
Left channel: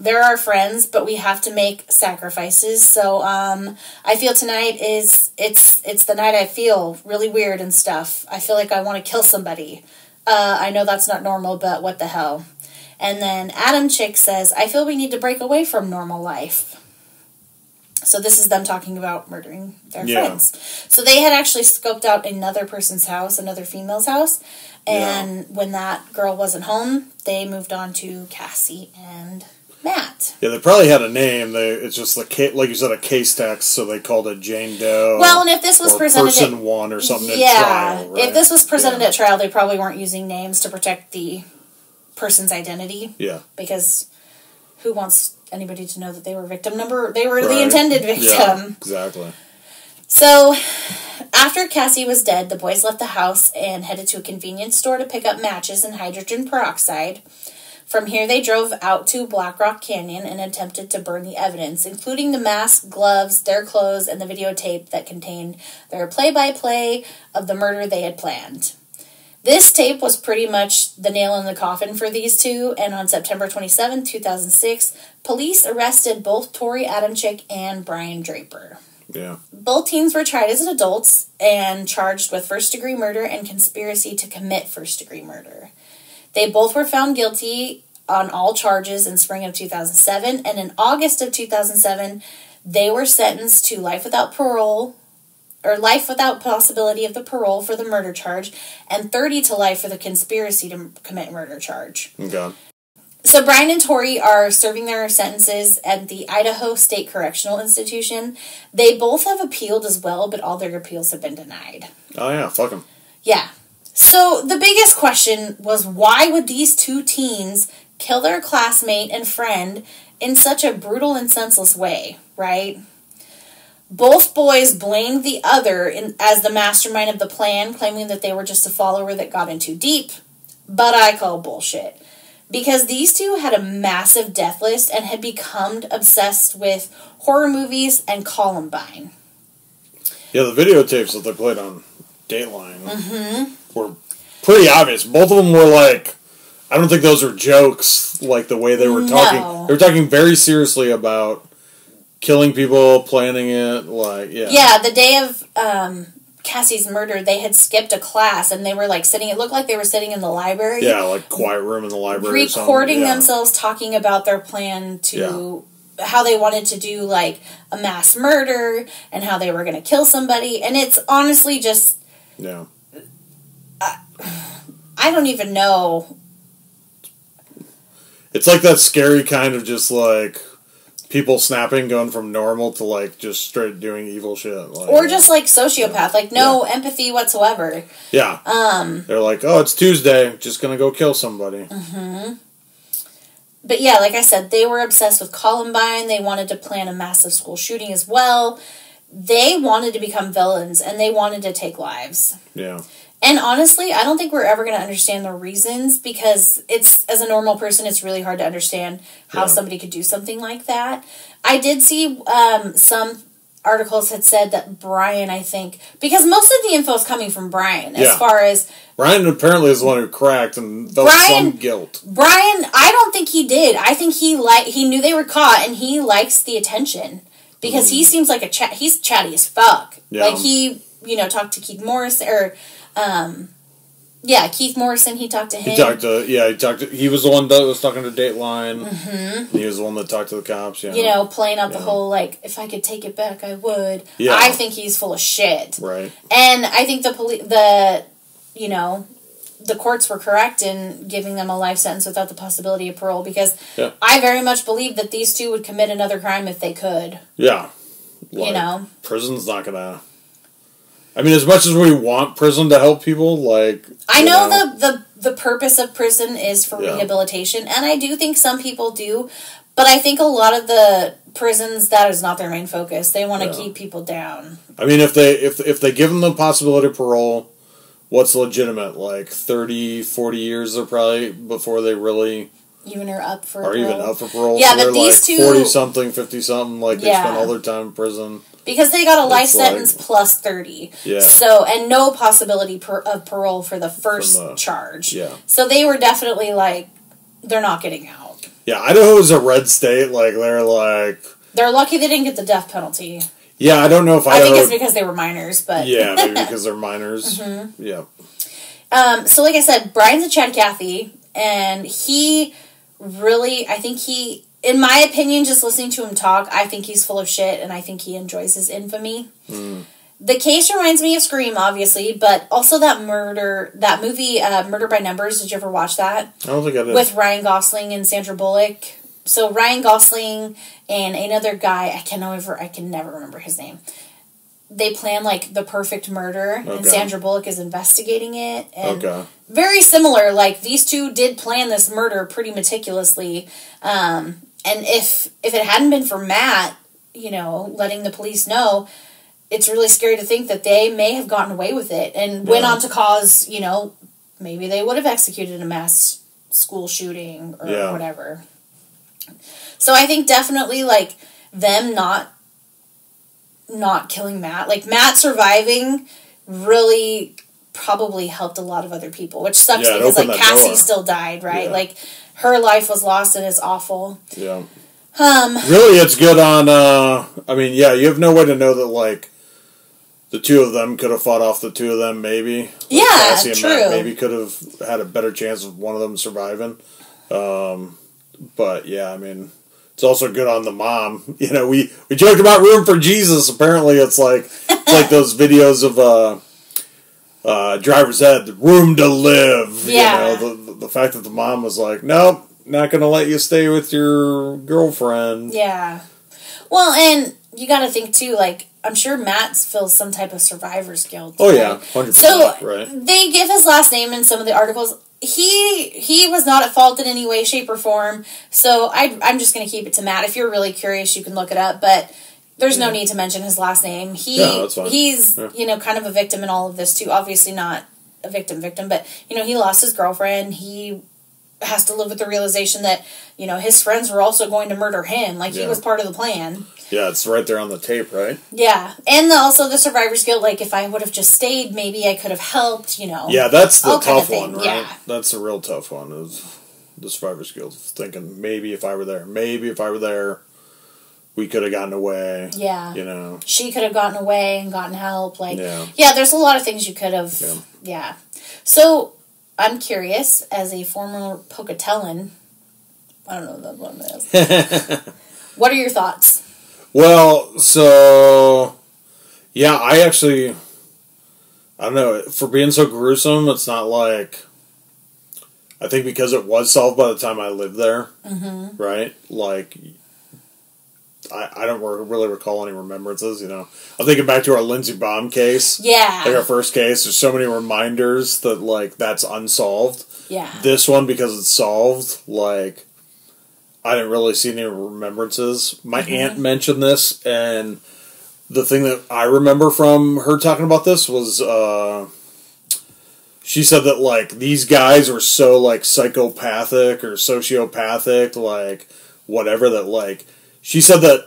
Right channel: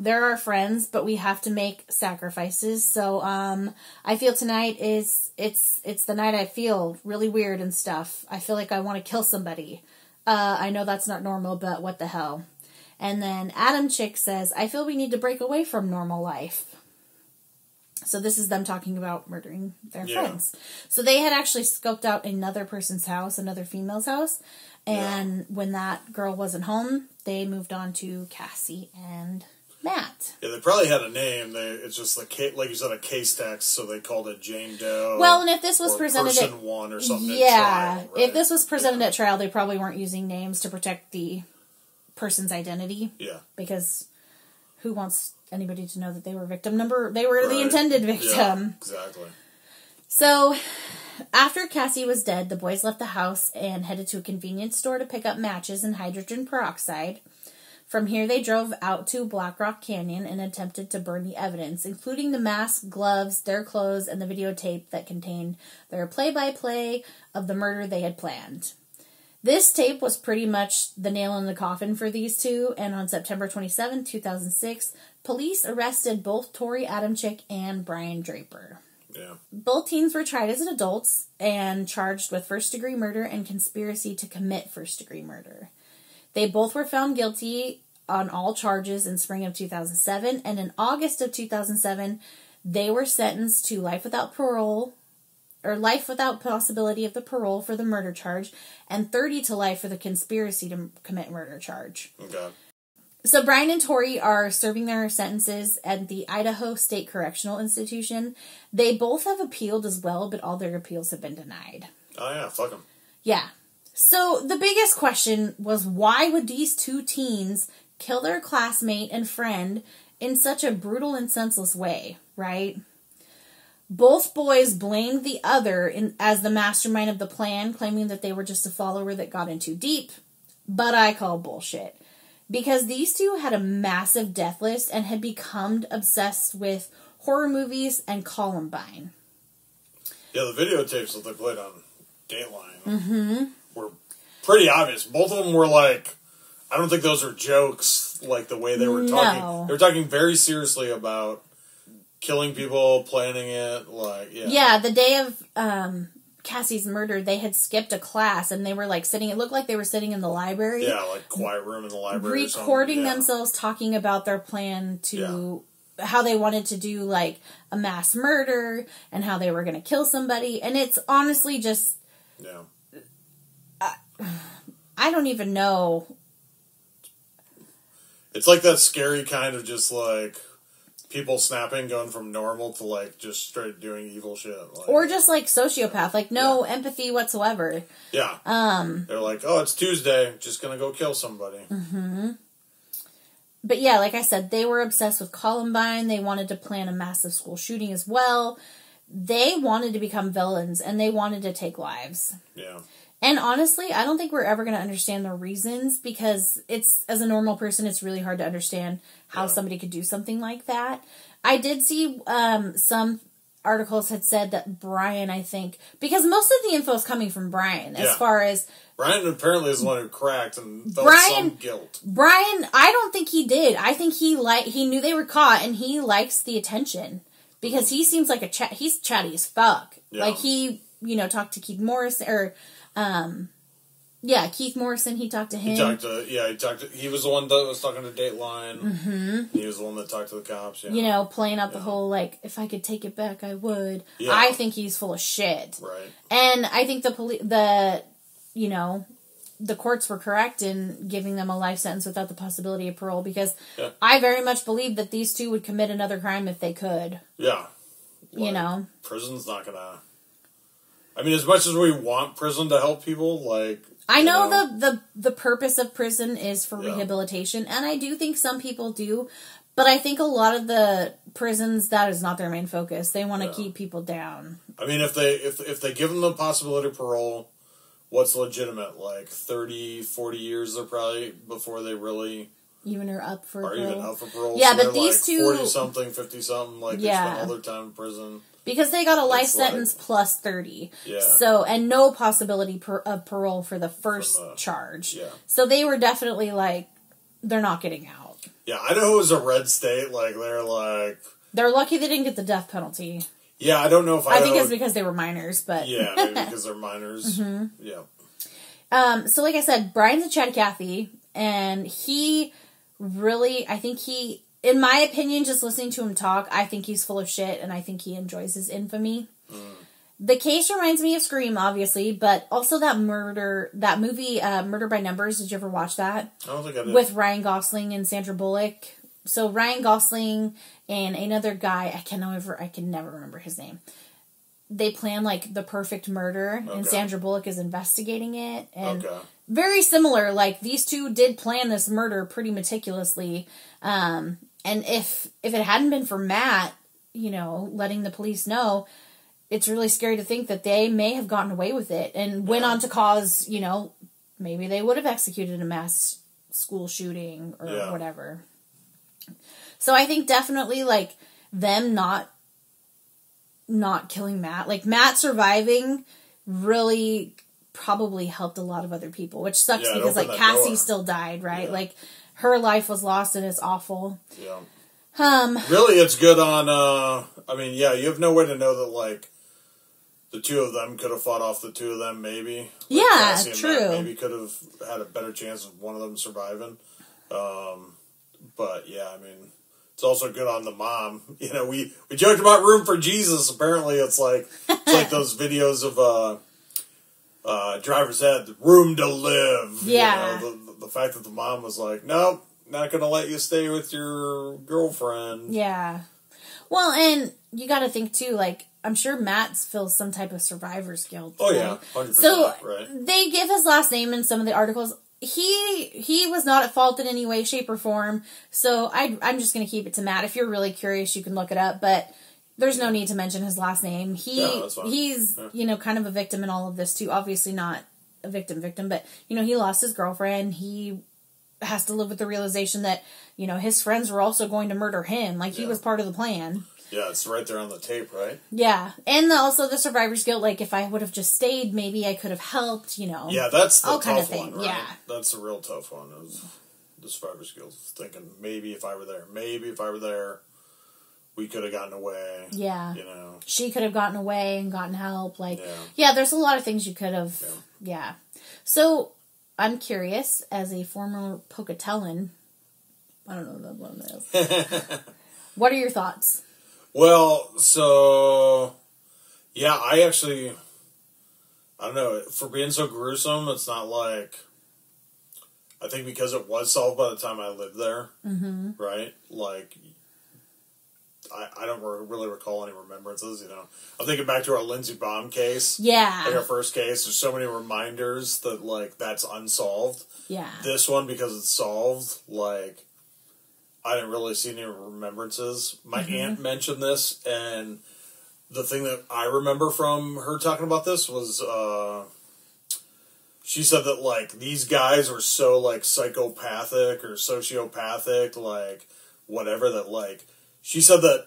They're our friends, but we have to make sacrifices. So I feel tonight it's the night I feel really weird and stuff. I feel like I want to kill somebody. I know that's not normal, but what the hell." And then Adam Chick says, "I feel we need to break away from normal life." So this is them talking about murdering their friends. So they had actually scoped out another person's house, another female's house. And when that girl wasn't home, they moved on to Cassie and Matt. Yeah, they probably had a name. It's just like you said, a case text, so they called it Jane Doe. Well, and if this was presented Person One or something at trial, right? If this was presented at trial, they probably weren't using names to protect the person's identity. Yeah. Because who wants anybody to know that they were the intended victim. Yeah, exactly. So, after Cassie was dead, the boys left the house and headed to a convenience store to pick up matches and hydrogen peroxide. From here, they drove out to Black Rock Canyon and attempted to burn the evidence, including the mask, gloves, their clothes, and the videotape that contained their play-by-play of the murder they had planned. This tape was pretty much the nail in the coffin for these two, and on September 27, 2006, police arrested both Tori Adamczyk and Brian Draper. Yeah. Both teens were tried as adults and charged with first-degree murder and conspiracy to commit first-degree murder. They both were found guilty on all charges in spring of 2007, and in August of 2007, they were sentenced to life without parole, or life without possibility of the parole for the murder charge, and 30 to life for the conspiracy to commit murder charge. Okay. So Brian and Tori are serving their sentences at the Idaho State Correctional Institution. They both have appealed as well, but all their appeals have been denied. Oh yeah, fuck them. Yeah. So the biggest question was, why would these two teens kill their classmate and friend in such a brutal and senseless way, right? Both boys blamed the other as the mastermind of the plan, claiming that they were just a follower that got in too deep. But I call bullshit. Because these two had a massive death list and had become obsessed with horror movies and Columbine. Yeah, the videotapes that they played on Dateline were pretty obvious. Both of them were like, I don't think those are jokes, like the way they were talking. No. They were talking very seriously about killing people, planning it, like, yeah. Yeah, the day of Cassie's murder, they had skipped a class, and they were, like, sitting, it looked like they were sitting in the library. Yeah, like, quiet room in the library or something. Recording themselves talking about their plan to, how they wanted to do, like, a mass murder, and how they were going to kill somebody, and it's honestly just... Yeah. I don't even know. It's like that scary kind of just, like... people snapping, going from normal to, like, just straight doing evil shit. Like, or just, like, sociopath. Like, no empathy whatsoever. Yeah. They're like, oh, it's Tuesday. Just gonna go kill somebody. Mm-hmm. But, yeah, like I said, they were obsessed with Columbine. They wanted to plan a massive school shooting as well. They wanted to become villains, and they wanted to take lives. Yeah. And honestly, I don't think we're ever going to understand the reasons, because it's, as a normal person, it's really hard to understand how somebody could do something like that. I did see some articles had said that Brian, I think, because most of the info is coming from Brian, as far as... Brian apparently is the one who cracked and felt some guilt. Brian, I don't think he did. I think he knew they were caught, and he likes the attention. Because he seems like he's chatty as fuck. Yeah. Like, talked to Keith Morrison, or, Keith Morrison, he talked to him. He was the one that was talking to Dateline. Mm-hmm. He was the one that talked to the cops, playing out the whole, if I could take it back, I would. Yeah. I think he's full of shit. Right. And I think the courts were correct in giving them a life sentence without the possibility of parole, because I very much believe that these two would commit another crime if they could. Yeah. Prison's not gonna... I mean, as much as we want prison to help people, I know the purpose of prison is for rehabilitation, and I do think some people do, but I think a lot of the prisons, that is not their main focus. They want to keep people down. I mean, if they give them the possibility of parole, what's legitimate? 30, 40 years they're probably before they really... Even are up for parole. Yeah, so but these two... 40-something, 50-something, they spend all their time in prison. Because they got a life sentence plus 30. Yeah. So, and no possibility of parole for the first charge. Yeah. So they were definitely they're not getting out. Yeah, Idaho is a red state. They're lucky they didn't get the death penalty. Yeah, I don't know if I think it's because they were minors, but... Yeah, maybe because they're minors. Mm-hmm. Yeah. So like I said, Brian's a Chad Cathy, and he really, I think he... In my opinion, just listening to him talk, I think he's full of shit, and I think he enjoys his infamy. Mm. The case reminds me of Scream, obviously, but also that movie, Murder by Numbers. Did you ever watch that? I don't think I did. With Ryan Gosling and Sandra Bullock. So Ryan Gosling and another guy, I can never remember his name. They plan the perfect murder, and Sandra Bullock is investigating it. And very similar. These two did plan this murder pretty meticulously. And if it hadn't been for Matt, letting the police know, it's really scary to think that they may have gotten away with it and went on to cause, maybe they would have executed a mass school shooting or whatever. So I think definitely, them not killing Matt, Matt surviving really probably helped a lot of other people, which sucks because, Cassie still died, right? Yeah. Her life was lost, and it's awful. Yeah. Really, it's good on, you have no way to know that, the two of them could have fought off the two of them, maybe. Cassie and Matt maybe could have had a better chance of one of them surviving. But, it's also good on the mom. We joked about Room for Jesus. Apparently, it's those videos of, Driver's Ed, Room to Live. Yeah. The fact that the mom was nope, not going to let you stay with your girlfriend. Yeah. Well, and you got to think, too, I'm sure Matt feels some type of survivor's guilt. Oh, yeah, 100%. So, right. They give his last name in some of the articles. He was not at fault in any way, shape, or form, so I'm just going to keep it to Matt. If you're really curious, you can look it up, but there's no need to mention his last name. That's fine. He's, kind of a victim in all of this, too. Obviously not a victim, but, he lost his girlfriend. He has to live with the realization that, his friends were also going to murder him. He was part of the plan. Yeah, it's right there on the tape, right? Yeah. And also the survivor's guilt, if I would have just stayed, maybe I could have helped, Yeah, that's the tough one, right? Yeah. That's a real tough one, is the survivor's guilt. Thinking, maybe if I were there, we could have gotten away. Yeah. She could have gotten away and gotten help. Yeah, there's a lot of things you could have. Yeah. So, I'm curious, as a former Pocatellan, I don't know what that is. What are your thoughts? Well, so, I actually, I don't know, for being so gruesome, it's not I think because it was solved by the time I lived there, right? I don't really recall any remembrances, I'm thinking back to our Lindsey Baum case. Yeah. Our first case, there's so many reminders that, that's unsolved. Yeah. This one, because it's solved, I didn't really see any remembrances. My aunt mentioned this, and the thing that I remember from her talking about this was, she said that, these guys were so, psychopathic or sociopathic, whatever, that, she said that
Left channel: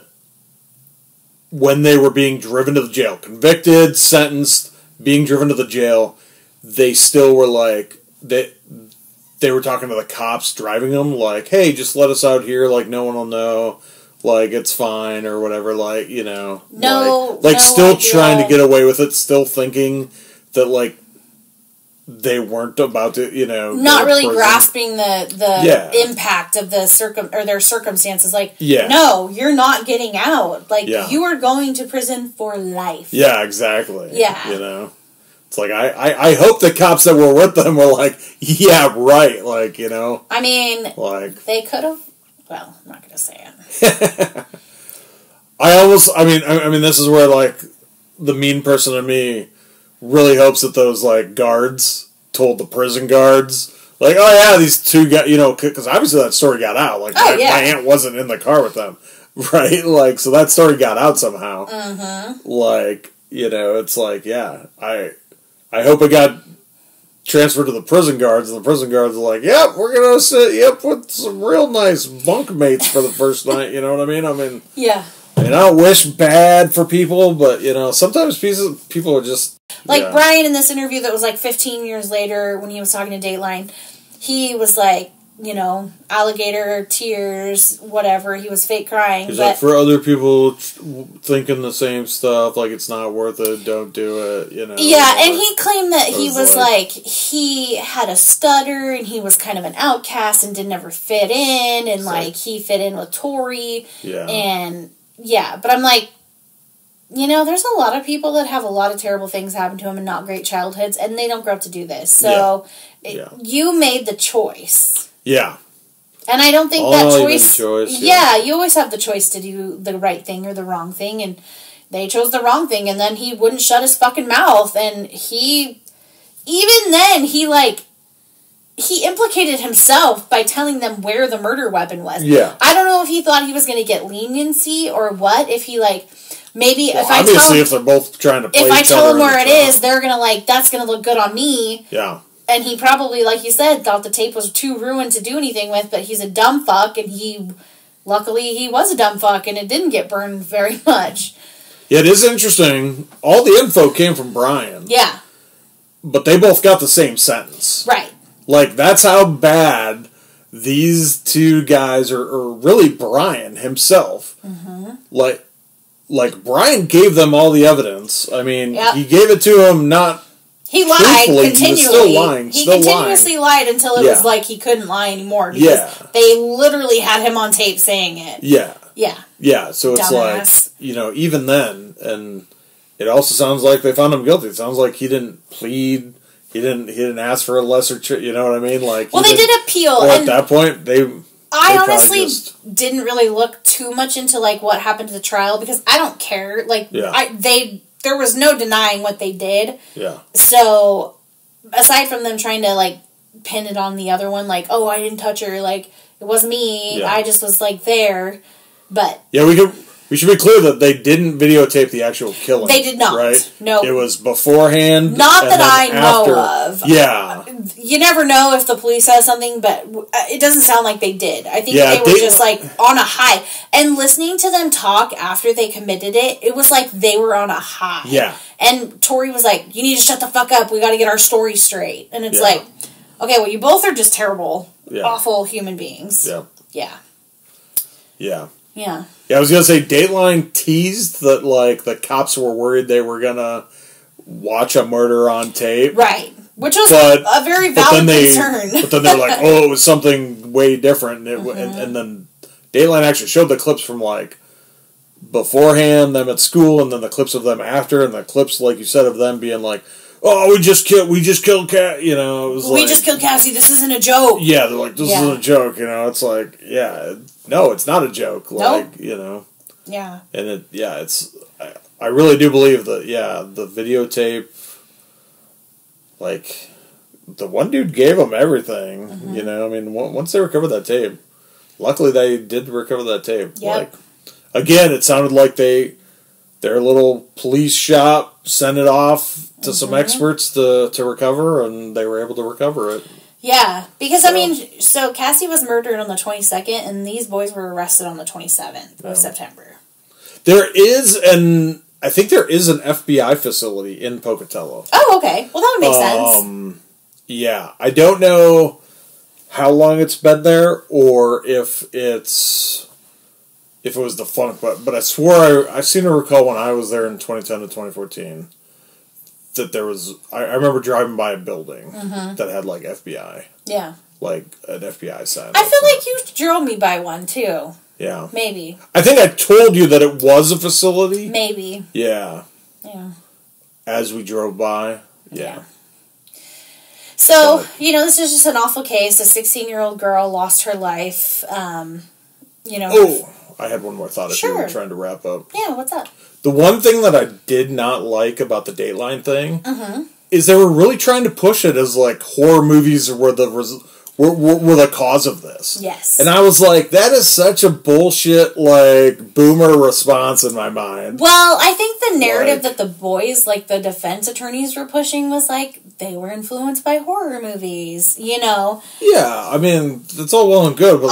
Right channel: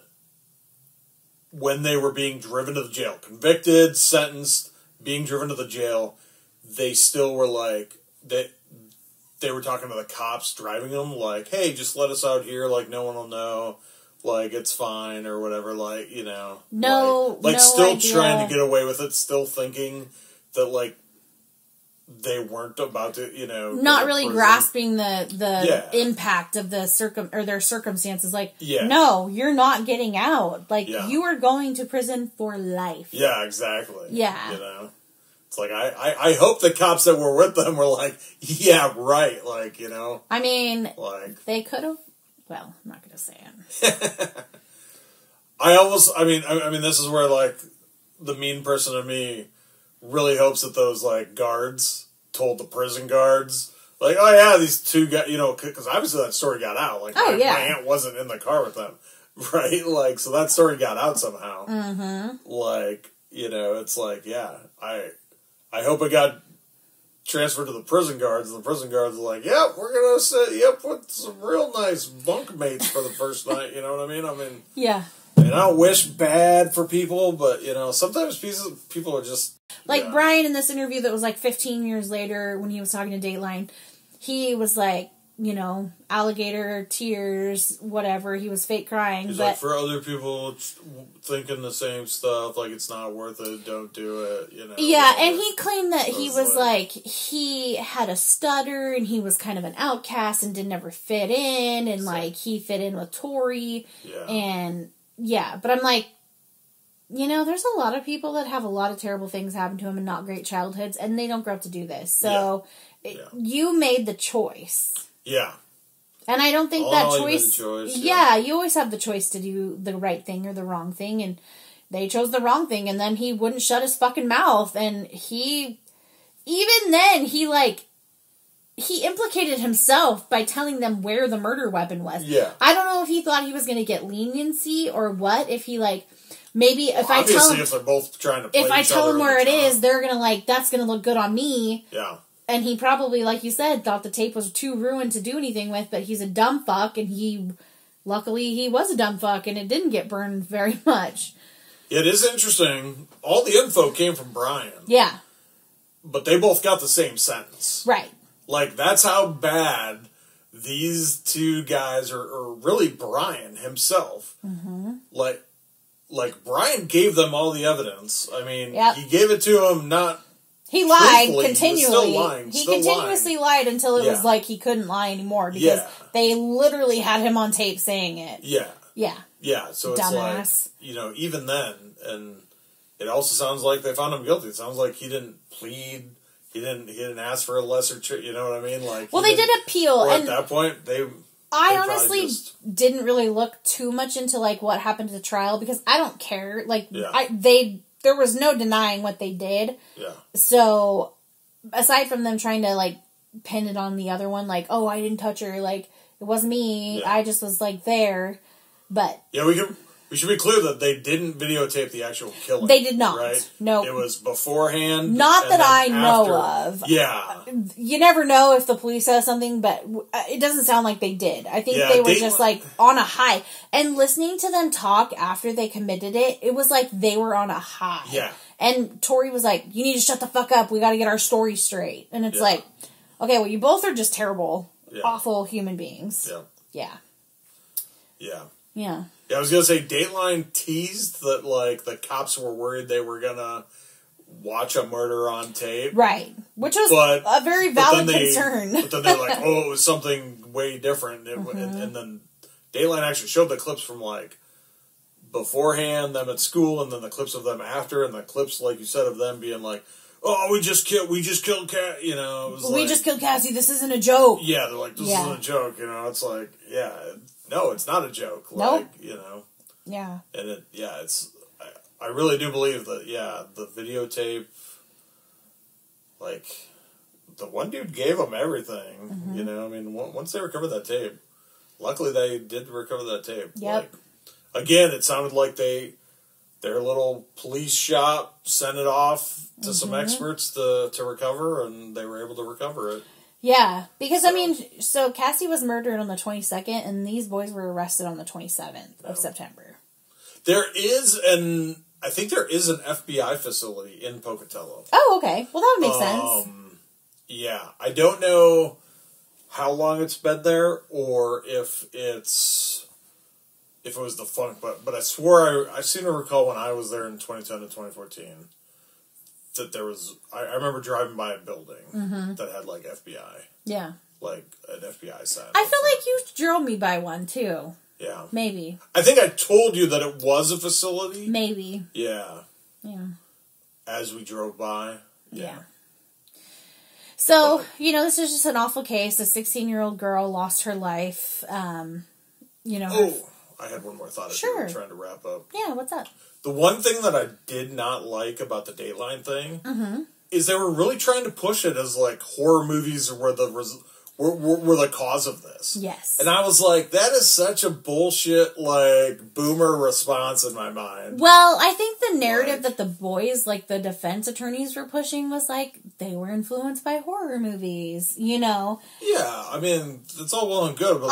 when they were being driven to the jail, convicted, sentenced, being driven to the jail, they still were, they were talking to the cops driving them, hey, just let us out here, no one will know. like it's fine or whatever, like, you know, no still idea. trying to get away with it, still thinking that, like, they weren't about to, you know, not really grasping the impact of the their circumstances. Like, no, you're not getting out. Like, you are going to prison for life. Yeah, exactly. Yeah. You know? It's like, I hope the cops that were with them were like, yeah, right, like, you know? I mean, like, they could have, well, I'm not going to say it. I mean, this is where, like, the mean person in me really hopes that those, like, guards told the prison guards, like, oh, yeah, these two guys, you know, because obviously that story got out. Like, my aunt wasn't in the car with them, right? Like, so that story got out somehow. Mm-hmm. Like, you know, it's like, yeah, I hope it got transferred to the prison guards, and the prison guards are like, yep, we're going to sit, with some real nice bunk mates for the first night, you know what I mean? I mean, yeah. And I don't wish bad for people, but, you know, sometimes people are just... Like, Brian in this interview that was, like, 15 years later when he was talking to Dateline, he was like, you know, alligator, tears, whatever. He was fake crying. He's like, for other people thinking the same stuff, like, it's not worth it, don't do it, you know. Yeah, and he claimed that he was like, he had a stutter, and he was kind of an outcast and didn't ever fit in, and, like, he fit in with Tori. Yeah. And... yeah, but I'm like, you know, there's a lot of people that have a lot of terrible things happen to them and not great childhoods, and they don't grow up to do this. So, you made the choice. Yeah. And I don't think that choice... Yeah, you always have the choice to do the right thing or the wrong thing, and they chose the wrong thing, and then he wouldn't shut his fucking mouth, and he... even then, he implicated himself by telling them where the murder weapon was. Yeah. I don't know if he thought he was going to get leniency or what. If he, like, maybe if I tell him... if they're both trying to play each other... if I tell him where it is, they're going to, like, that's going to look good on me. Yeah. And he probably, like you said, thought the tape was too ruined to do anything with, but he's a dumb fuck, and luckily he was a dumb fuck, and it didn't get burned very much. Yeah, it is interesting. All the info came from Brian. Yeah. But they both got the same sentence. Right. Like, that's how bad these two guys are really Brian himself. Mm-hmm. Like, Brian gave them all the evidence. I mean, he gave it to them not... he lied continually. He was still lying. He continuously lied until it was like he couldn't lie anymore. Because they literally had him on tape saying it. Yeah. Yeah. Yeah, so it's like, you know, even then, and it also sounds like they found him guilty. It sounds like he didn't plead... He didn't ask for a lesser, you know what I mean? Like, well, they did appeal. Or at that point, I honestly didn't really look too much into, like, what happened to the trial, because I don't care. Like, there was no denying what they did. Yeah. So, aside from them trying to, like, pin it on the other one, like, oh, I didn't touch her, like, it was me, I just was, like, there, but... yeah, we should be clear that they didn't videotape the actual killing. They did not. Right? No. It was beforehand. Not that I know of. Yeah. You never know if the police has something, but it doesn't sound like they did. I think they were just, like, on a high. And listening to them talk after they committed it, it was like they were on a high. Yeah. And Tori was like, you need to shut the fuck up. We got to get our story straight. And it's like, okay, well, you both are just terrible, awful human beings. Yeah. Yeah. Yeah. Yeah. Yeah, I was going to say, Dateline teased that, like, the cops were worried they were going to watch a murder on tape. Right. Which was a very valid concern. But then they were like, oh, it was something way different. And then Dateline actually showed the clips from, like, beforehand, them at school, and then the clips of them after, and the clips, like you said, of them being like, oh, we just killed Cat, you know. It was we just killed Cassie, this isn't a joke. Yeah, they're like, this isn't a joke, you know. It's like, no, it's not a joke. Like, you know. Yeah. And I really do believe that, the videotape, like, the one dude gave them everything, you know. I mean, once they recovered that tape, luckily they did recover that tape. Yep. Like, again, it sounded like their little police shop sent it off to some experts to recover, and they were able to recover it. Yeah, because, I mean, so Cassie was murdered on the 22nd, and these boys were arrested on the 27th of September. I think there is an FBI facility in Pocatello. Oh, okay. Well, that would make sense. Yeah, I don't know how long it's been there, or if it's if it was the funk, but I swore I seem to recall when I was there in 2010 to 2014 that there was... I remember driving by a building that had, like, FBI. Yeah. Like, an FBI sign. I feel like you drove me by one, too. Yeah. Maybe. I think I told you that it was a facility. Maybe. Yeah. Yeah. As we drove by. Yeah. So, this is just an awful case. A 16-year-old girl lost her life. Oh, I had one more thought if you were trying to wrap up. Yeah, what's up? The one thing that I did not like about the Dateline thing is they were really trying to push it as, like, horror movies were the cause of this. Yes. And I was like, that is such a bullshit, like, boomer response in my mind. Well, I think the narrative that the boys, like, the defense attorneys were pushing was, like, they were influenced by horror movies, Yeah, I mean, it's all well and good, but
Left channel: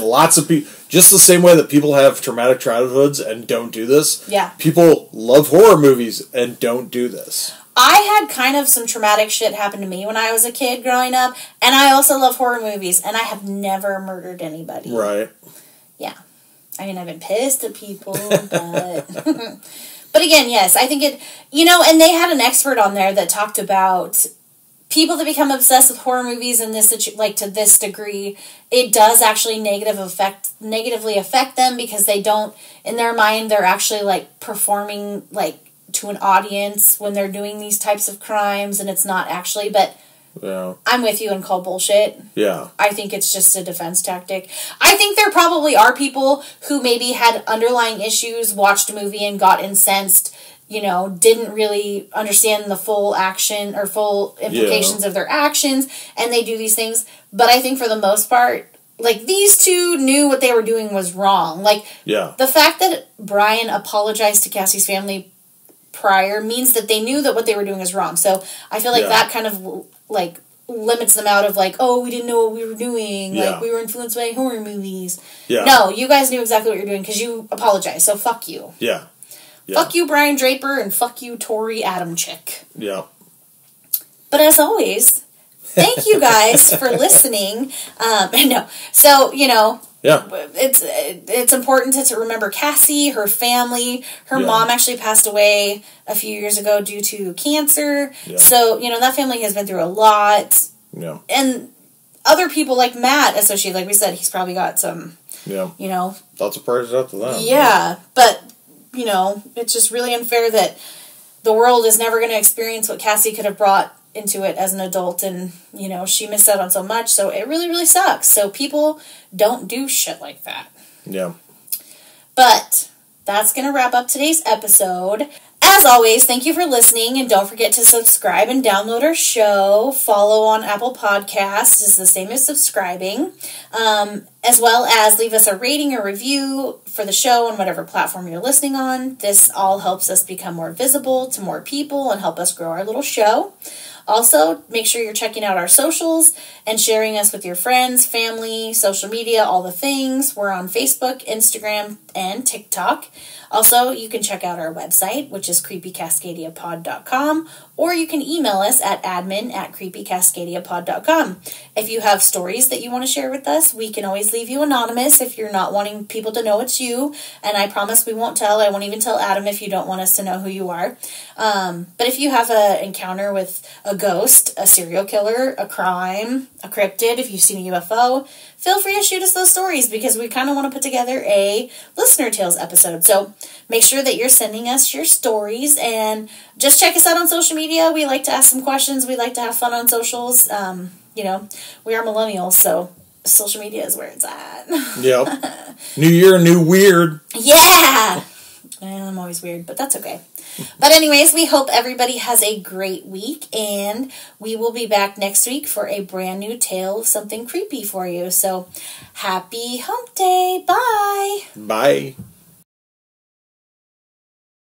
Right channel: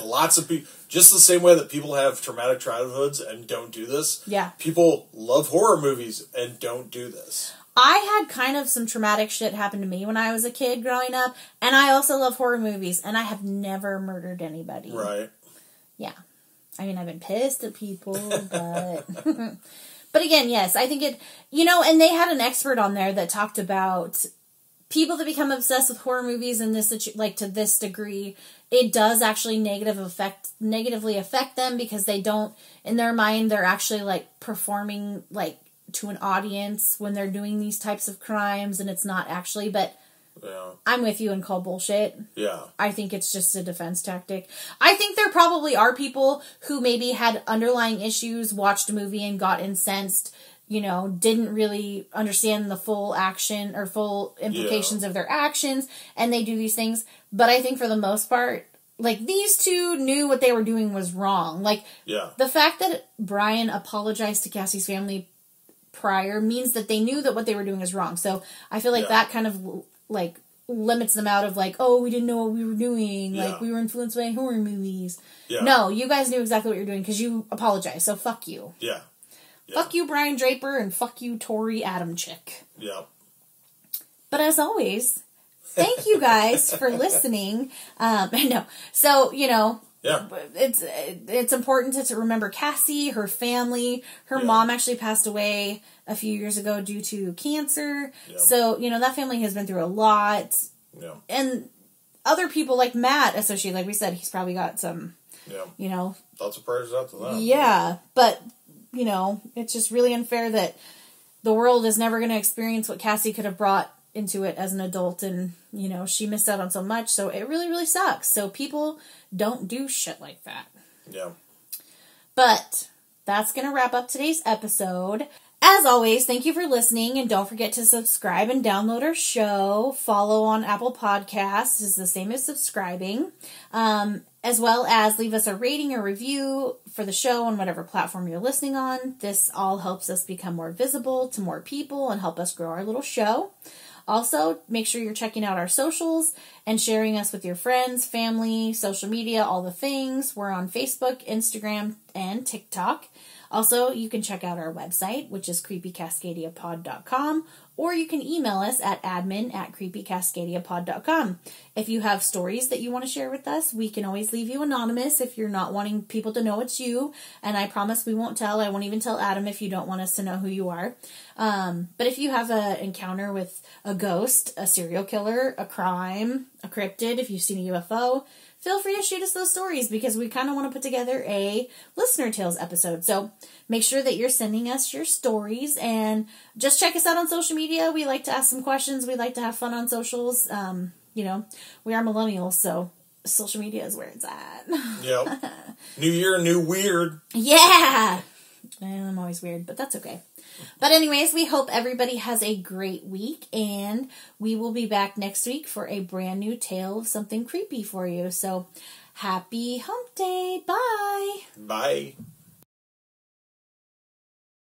lots of people... Just the same way that people have traumatic childhoods and don't do this, people love horror movies and don't do this. I had kind of some traumatic shit happen to me when I was a kid growing up, and I also love horror movies, and I have never murdered anybody. Right. Yeah. I mean, I've been pissed at people, but... But again, yes, I think it... and they had an expert on there that talked about people that become obsessed with horror movies in this, to this degree, it does actually negatively affect them because they don't... In their mind, they're actually, like, performing, like, to an audience when they're doing these types of crimes, and it's not actually, but I'm with you and call bullshit. Yeah. I think it's just a defense tactic. I think there probably are people who maybe had underlying issues, watched a movie and got incensed, didn't really understand the full action or full implications of their actions, and they do these things. But I think for the most part, like, these two knew what they were doing was wrong. Like, the fact that Brian apologized to Cassie's family prior means that they knew that what they were doing is wrong. So I feel like that kind of, like, limits them out of, like, oh, we didn't know what we were doing. Like, we were influenced by horror movies. Yeah. No, you guys knew exactly what you're doing because you apologized. So fuck you. Yeah. Fuck you, Brian Draper, and fuck you, Tori Adamczyk. Yeah. But as always, thank you guys for listening. So, it's important to remember Cassie, her family. Her mom actually passed away a few years ago due to cancer. Yeah. So, that family has been through a lot. Yeah. And other people like Matt associated, like we said, he's probably got some, Lots of prayers out to them. Yeah, but... it's just really unfair that the world is never going to experience what Cassie could have brought into it as an adult, and, she missed out on so much, so it really, really sucks. So people don't do shit like that. Yeah. But that's going to wrap up today's episode. As always, thank you for listening, and don't forget to subscribe and download our show. Follow on Apple Podcasts is the same as subscribing, as well as leave us a rating or review for the show on whatever platform you're listening on. This all helps us become more visible to more people and help us grow our little show. Also, make sure you're checking out our socials and sharing us with your friends, family, social media, all the things. We're on Facebook, Instagram, and TikTok. Also, you can check out our website, which is creepycascadiapod.com, or you can email us at admin@creepycascadiapod.com. If you have stories that you want to share with us, we can always leave you anonymous if you're not wanting people to know it's you, and I promise we won't tell. I won't even tell Adam if you don't want us to know who you are. But if you have an encounter with a ghost, a serial killer, a crime, a cryptid, if you've seen a UFO, feel free to shoot us those stories because we kind of want to put together a Listener Tales episode. So make sure that you're sending us your stories and just check us out on social media. We like to ask some questions. We like to have fun on socials. We are millennials, so social media is where it's at. Yep. New year, new weird. Yeah! I'm always weird, but that's okay. But anyways, we hope everybody has a great week, and we will be back next week for a brand new tale of something creepy for you. So, happy hump day. Bye. Bye.